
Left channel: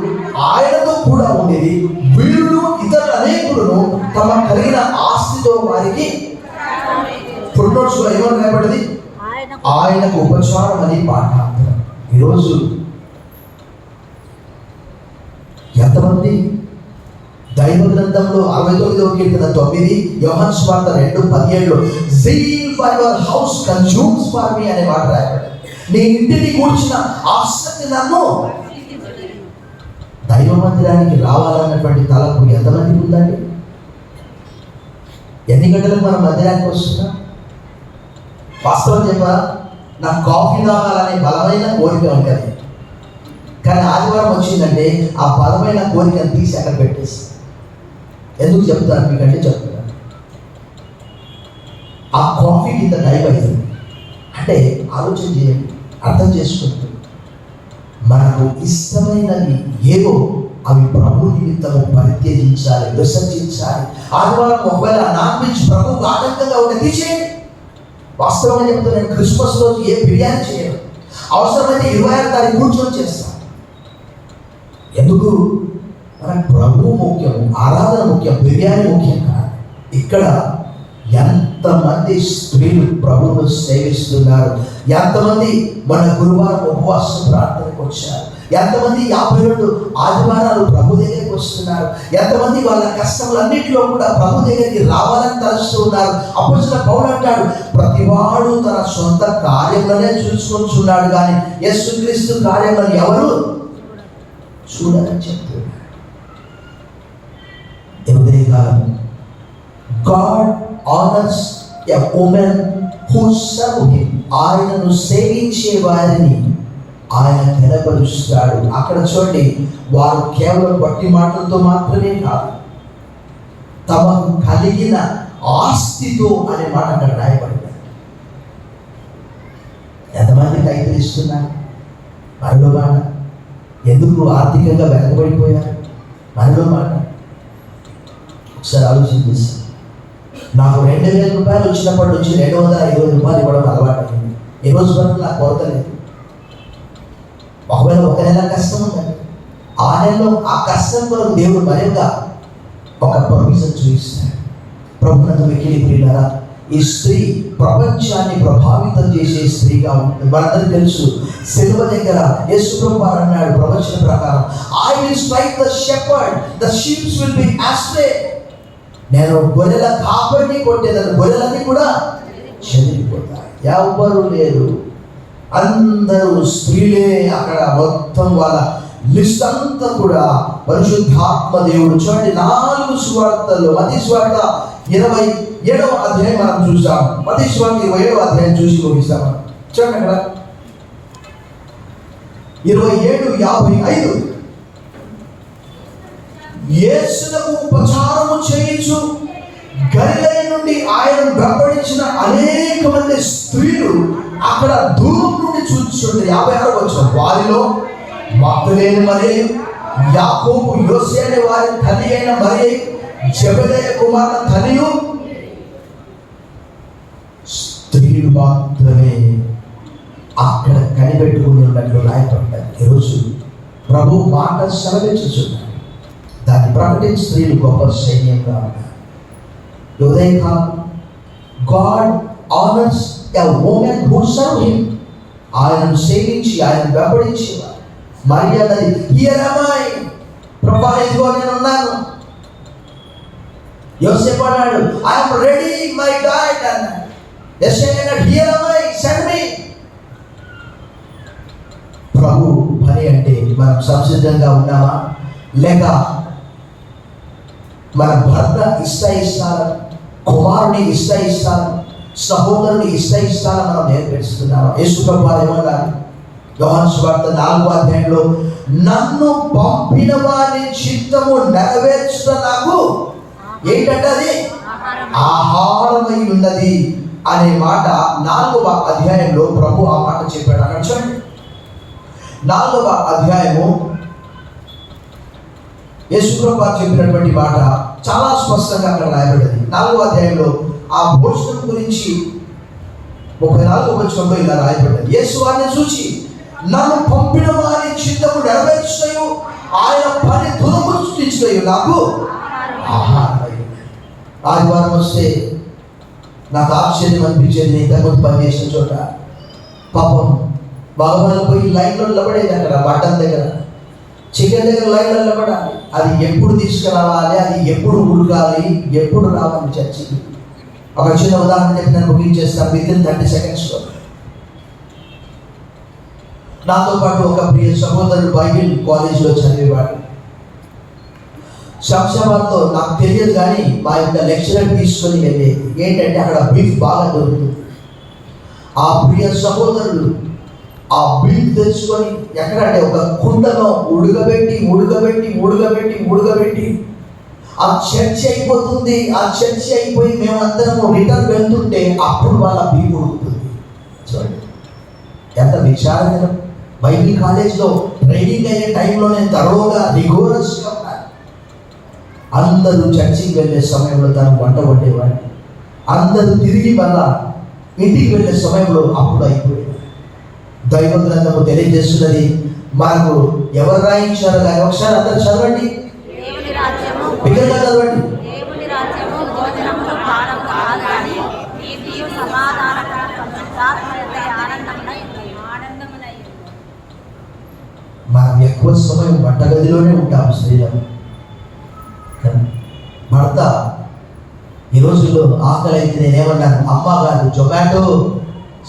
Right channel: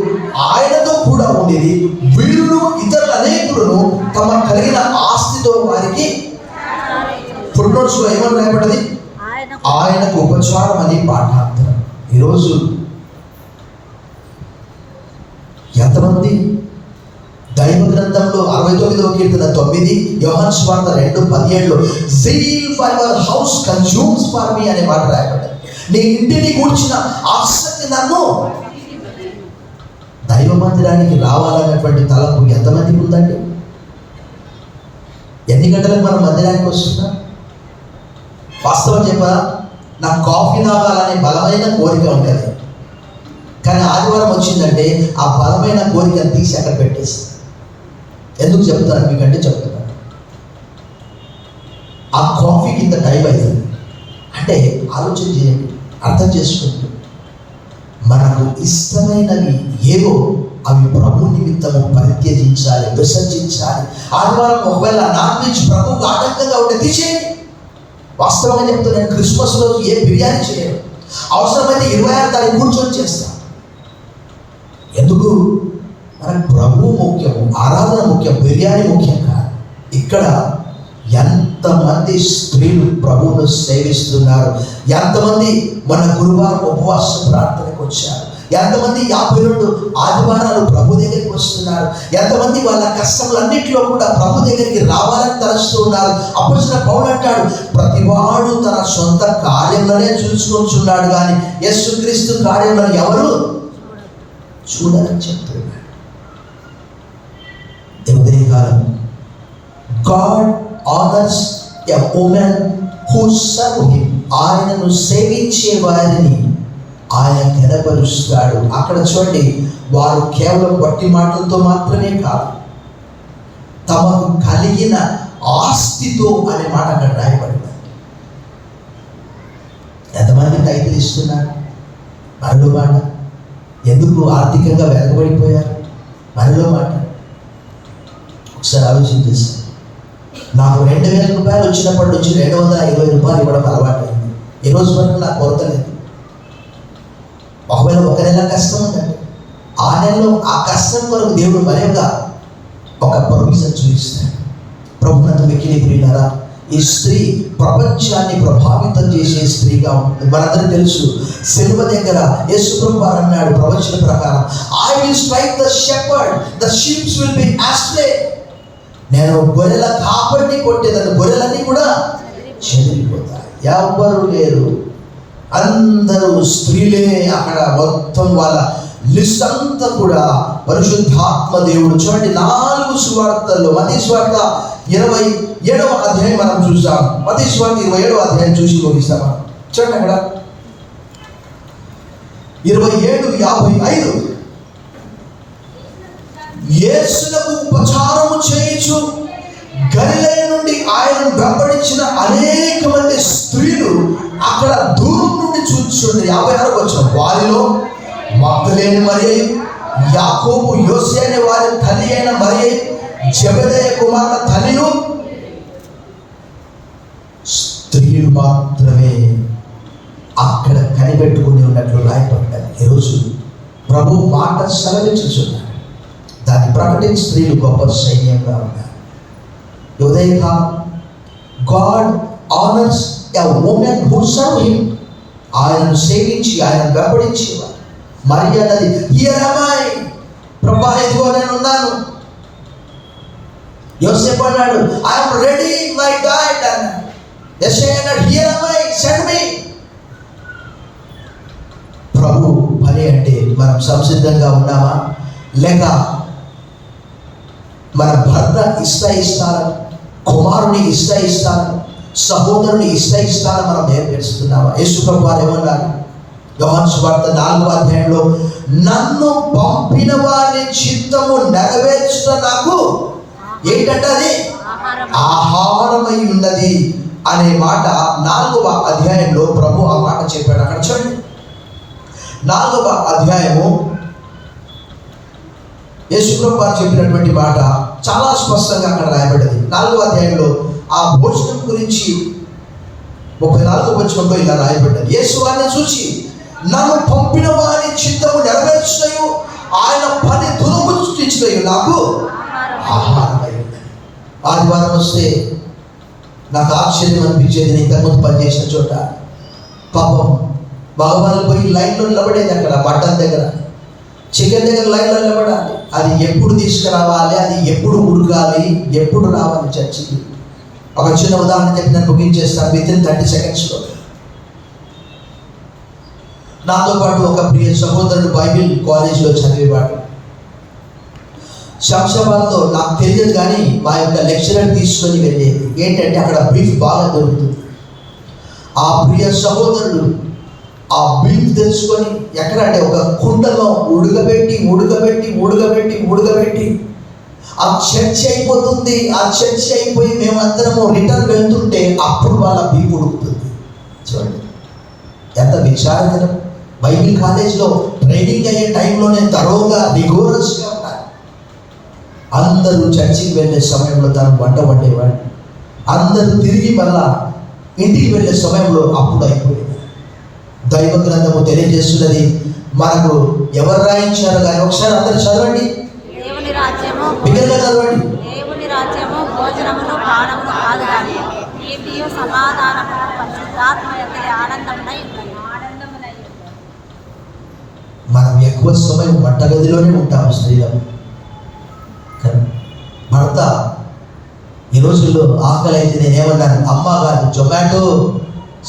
ఆయనతో కూడా ఉండేది. వీరులు ఇతరులు అనేకులను తమ కలిగిన ఆస్తితో వారికి ఫుట్నోట్స్లో ఏమని రాయబడింది? ఆయనకు ఉపచారం అని పాఠాంతరం. ఈరోజు ఎంతమంది దైవ గ్రంథంలో 69వ కీర్తన 9, యోహాను సువార్త 2:17లో zeal for your house consumes for me అనే మాట రాయబడింది. నీ ఇంటిని కూర్చిన ఆసక్తి నన్ను. దైవ మందిరానికి రావాలన్నటువంటి తలపు ఎంతమందికి ఉందండి? ఎన్ని గంటలకు మనం మందిరానికి వస్తున్నాం? వాస్తవం చెప్పా, నాకు కాఫీ తాగాలనే బలమైన కోరిక ఉంటుంది. కానీ ఆదివారం వచ్చిందంటే ఆ బలమైన కోరికను తీసి అక్కడ పెట్టేస్తాను. ఎందుకు చెప్తాను మీకంటే చెప్తున్నాను. ఆ కాఫీకి ఇంత టైం అవుతుంది అంటే ఆలోచన చేయండి, అర్థం చేసుకుంటూ మనకు ఇష్టమైనవి ఏవో అవి ప్రభు నిమిత్తము పరిత్యజించాలి, విసర్జించాలి. ఆదివారం ఒకవేళ నాన్ వెజ్ ప్రభువుకు ఆటంకంగా ఉంటే తీసేయండి. వాస్తవంగా చెప్తున్నాను, క్రిస్మస్ రోజు ఏ బిర్యానీ చేయడం, అవసరమైతే 26వ తారీఖు కూర్చొని చేస్తాం. ఎందుకు? మనకు ప్రభువు ముఖ్యం, ఆరాధన ముఖ్యం, బిర్యానీ ముఖ్యం కాదు. ఇక్కడ ఎంతమంది స్త్రీలు ప్రభువును సేవిస్తున్నారు, ఎంతమంది మన గురువారం ఉపవాస ప్రార్థనకు వచ్చారు, ఎంతమంది 52 ఆదివారాలు ప్రభు దగ్గరికి వస్తున్నారు, ఎంతమంది వాళ్ళ కష్టములన్నింటిలో కూడా ప్రభు దగ్గరికి రావాలని తలస్తూ ఉన్నారు. అపోస్తలుడైన పౌలు అంటాడు, ప్రతివాడు తన సొంత కార్యంలోనే చూసుకొచ్చున్నాడు కానీ యేసుక్రీస్తు కార్యంలో ఎవరు చూడాలని చెప్తున్నాడు. ఉదయకాలం God honors a woman who serve him. ఆయనను సేవించే వారిని ఆయన ఘనపరుస్తాడు. అక్కడ చూడండి, వారు కేవలం వట్టి మాటలతో మాత్రమే కాదు, తమకు కలిగిన ఆస్తితో అనే మాట అక్కడ రాయబడింది. ఎంతమంది టైటిల్ ఇస్తున్నారు? మరో మాట, ఎందుకు ఆర్థికంగా వెనకబడిపోయారు? మరో మాట ఒకసారి ఆలోచన చేస్తాను. నాకు 2,000 రూపాయలు వచ్చినప్పటి నుంచి 250 రూపాయలు ఇవ్వడం అలవాటు అయింది. ఈ రోజు వరకు నాకు కొరత లేదు. ఒకవేళ ఒక నెల కష్టం ఉందండి, ఆ నెలలో ఆ కష్టం కొరకు దేవుడు మరింగా ఒక ప్రొవిజన్ చూపిస్తాడు. ప్రభునందు మిక్కిలి ప్రియులారా, ఈ స్త్రీ ప్రపంచాన్ని ప్రభావితం చేసే స్త్రీగా ఉంటుంది. మనందరూ తెలుసు, సిలువ దగ్గర యేసు ప్రభువు అన్నాడు ప్రవచన ప్రకారం, I will strike the shepherd, the sheep will be astray. నేను గొర్రెల కాపరిని కొట్టేదాన్ని, గొర్రెలన్నీ కూడా చెదిరిపోతాయి. ఎవరు లేరు, అందరూ స్త్రీలే. అక్కడ మొత్తం వాళ్ళ లిస్ట్ అంతా కూడా పరిశుద్ధాత్మ దేవుడు. చూడండి, 4 సువార్తల్లో మత్తయి సువార్త 27వ అధ్యాయం మనం చూసాం. మత్తయి సువార్త 27వ అధ్యాయం చూసి ముగిస్తాం. చూడండి అక్కడ 27:55 యేసునకు ఉపచారము చేయించు గలిలయ నుండి ఆయన వెంబడించిన అనేక మంది స్త్రీలు అక్కడ దూరం నుండి చూస్తుండే. 56వ వచనం, వారిలో మగ్దలేని మరియ, యాకోబు యోసే అనే వారి తల్లి అయిన మరియ, జెబెదయి కుమారుల తల్లియు స్త్రీలు మాత్రమే అక్కడ కనిపెట్టుకుని ఉన్నట్లు రాయపడ్డారు. ఈరోజు ప్రభు మాట సెలవించుచున్నారు, దాన్ని ప్రకటించి స్త్రీలు గొప్ప సైన్యంగా ఉన్నారు. ఉదయకాలం God honours a women who serve him. ఆయనను సేవించి ఆయనను వెంబడించేవారు. మరియ అన్నది, హియర్ యామ్ ఐ, ప్రభువా ఇదిగో నేను ఉన్నాను. యోసేపు అన్నాడు, I am ready my dad అన్నాడు. యెషయా అన్నాడు, here am I, send me. ప్రభు పని అంటే మనం సంసిద్ధంగా ఉన్నామా, లేక మన భర్త ఇష్టాలు, కుమారుని ఇష్టాలు, సహోదరుని ఇష్టాలు మనం నేర్పిస్తున్నామా? యేసు ప్రభువు వారు ఏమన్నారు? యోహాను సువార్త 4వ అధ్యాయంలో, నన్ను పంపిన వారి చిత్తము నెరవేర్చుట నాకు ఏంటంటే అది ఆహారమై ఉన్నది అనే మాట 4వ అధ్యాయంలో ప్రభు ఆ మాట చెప్పాడు. అక్కడ చూడండి, 4వ అధ్యాయము యేసు ప్రభువు వారు చెప్పినటువంటి మాట చాలా స్పష్టంగా అక్కడ రాయబడింది. 4వ అధ్యాయంలో ఆ భోజనం గురించి 34వ వచనంలో ఇలా రాయబడ్డది, యేసు వారిని చూచి, నన్ను పంపిన వారి చిత్తము నెరవేర్చుటయు ఆయన పని దురముట్టించుటయు నాకు ఆహారమై ఉన్నది. ఆదివారం వస్తే నాకు ఆశ్చర్యం అనిపించేది, ఇంతకుముందు పనిచేసిన చోట పాపం బాగుమని పోయి లైన్లో నిలబడేది. అక్కడ మటన్ దగ్గర, చికెన్ దగ్గర లైన్లో నిలబడాలి. అది ఎప్పుడు తీసుకురావాలి, అది ఎప్పుడు ఉడకాలి, ఎప్పుడు రావాలి చర్చికి. ఒక చిన్న ఉదాహరణ చెప్పి నేను ముగించేస్తాను. విత్ ఇన్ 30 సెకండ్స్లో నాతో పాటు ఒక ప్రియ సహోదరుడు బైబిల్ కాలేజీలో చదివేవాడు. శంషాబాద్లో నాకు తెలియదు కానీ మా యొక్క లెక్చరర్ తీసుకొని వెళ్ళేది. ఏంటంటే అక్కడ బీఫ్ బాగా దొరుకుతుంది. ఆ ప్రియ సహోదరుడు ఆ బీఫ్ తెచ్చుకొని ఎక్కడంటే ఒక కుండలో ఉడకబెట్టి ఆ చర్చ అయిపోతుంది. ఆ చర్చ అయిపోయి మేమందరము రిటర్న్ వెళ్తుంటే అప్పుడు వాళ్ళ బీఫ్ ఉడుకుతుంది. చూడండి ఎంత విచారకరం. బైబిల్ కాలేజ్లో ట్రైనింగ్ అయ్యే టైంలోనే తరోగా రిగోరస్గా ఉన్నారు. అందరూ చర్చికి వెళ్ళే సమయంలో తను వంట వండేవాడు. అందరూ తిరిగి మళ్ళా ఇంటికి వెళ్ళే సమయంలో అప్పుడు అయిపోయింది. దైవ గ్రంథము తెలియజేస్తున్నది మనకు. ఎవరు రాయించారు కానీ ఒకసారి అందరూ చదవండి, బిగ్గరగా చదవండి. మనం ఎక్కువ సమయం వంటగదిలోనే ఉంటాము స్త్రీలను. భర్త ఈ రోజుల్లో ఆకలి అయితే నేనేమన్నాను, అమ్మ గారు జొమాటో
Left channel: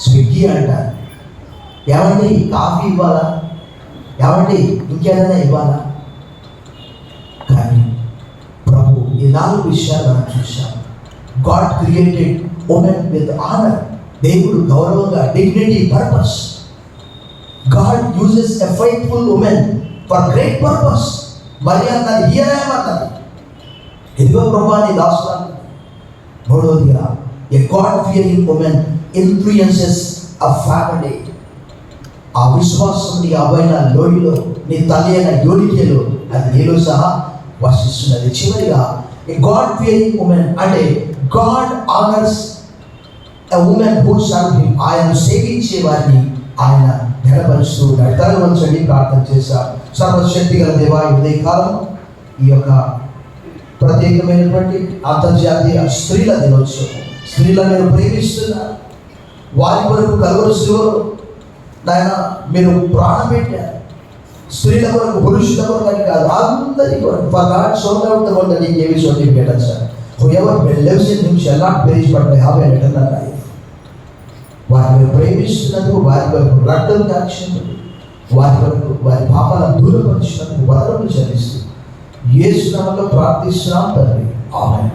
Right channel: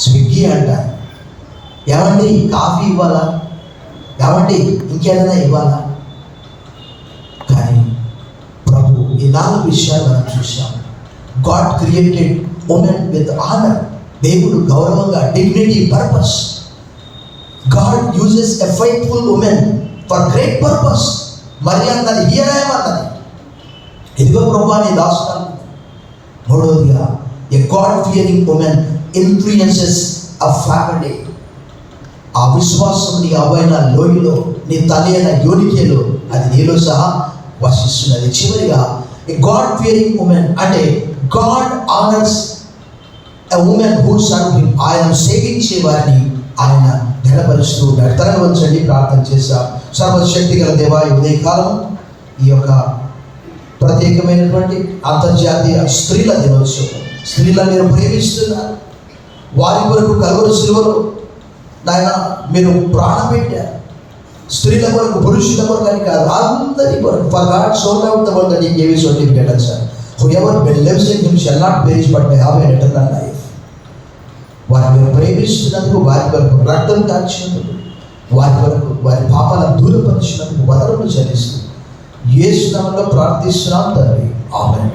స్విగ్గీ అంటారు. ఏమండి కాఫీ ఇవ్వాలా, ఏమండి ఇంకేదైనా ఇవ్వాలా? కానీ ప్రభు ఈ 4 విషయాలు మనం చూసాం. God created women with honour. దేవుడు గౌరవంగా, dignity, purpose. God uses a faithful women for great purpose. మరి అన్నది హీరాయమన్నది, ఇదిగో ప్రభు నీ దాసురాలు. మూడవదిగా a God fearing women influences a family. ఆ విశ్వాసం నీ అవ్వైన లోయలో, నీ తల్లి అయిన యోనికేలో అది నీలో సహా వర్షిస్తున్నది. చివరిగా ఎ గాడ్ ఫియరింగ్ ఉమెన్ అంటే God honours a women who serve him. ఆయన సేవించే వారిని ఆయన ఘనపరుస్తూ ఉన్నాడు. తరవంచండి, ప్రార్థన చేశా. సర్వశక్తి గల దేవా, ఉదయకాలం ఈ యొక్క ప్రత్యేకమైనటువంటి అంతర్జాతీయ స్త్రీల దినోత్సవం. స్త్రీలను మీరు ప్రేమిస్తున్నారు. వారి కొరకు కలువరి శిలువలో నాయన మీరు ప్రాణం పెట్టారు. స్త్రీల కొరకు, పురుషుల కొరకు అని కాదు, అందరి కొరకు. For God so loved the world that he gave his only begotten son, whoever believes in him shall not perish but may have eternal life. వారిని ప్రేమిస్తున్నందుకు, వారి కొరకు రక్తం కార్చినందుకు, వారి కొరకు వారి పాపాలను దూరపరిచినందుకు వదనలు చెల్లిస్తూ యేసు నామములో ప్రార్థిస్తున్నాం తండ్రి. ఆమేన్.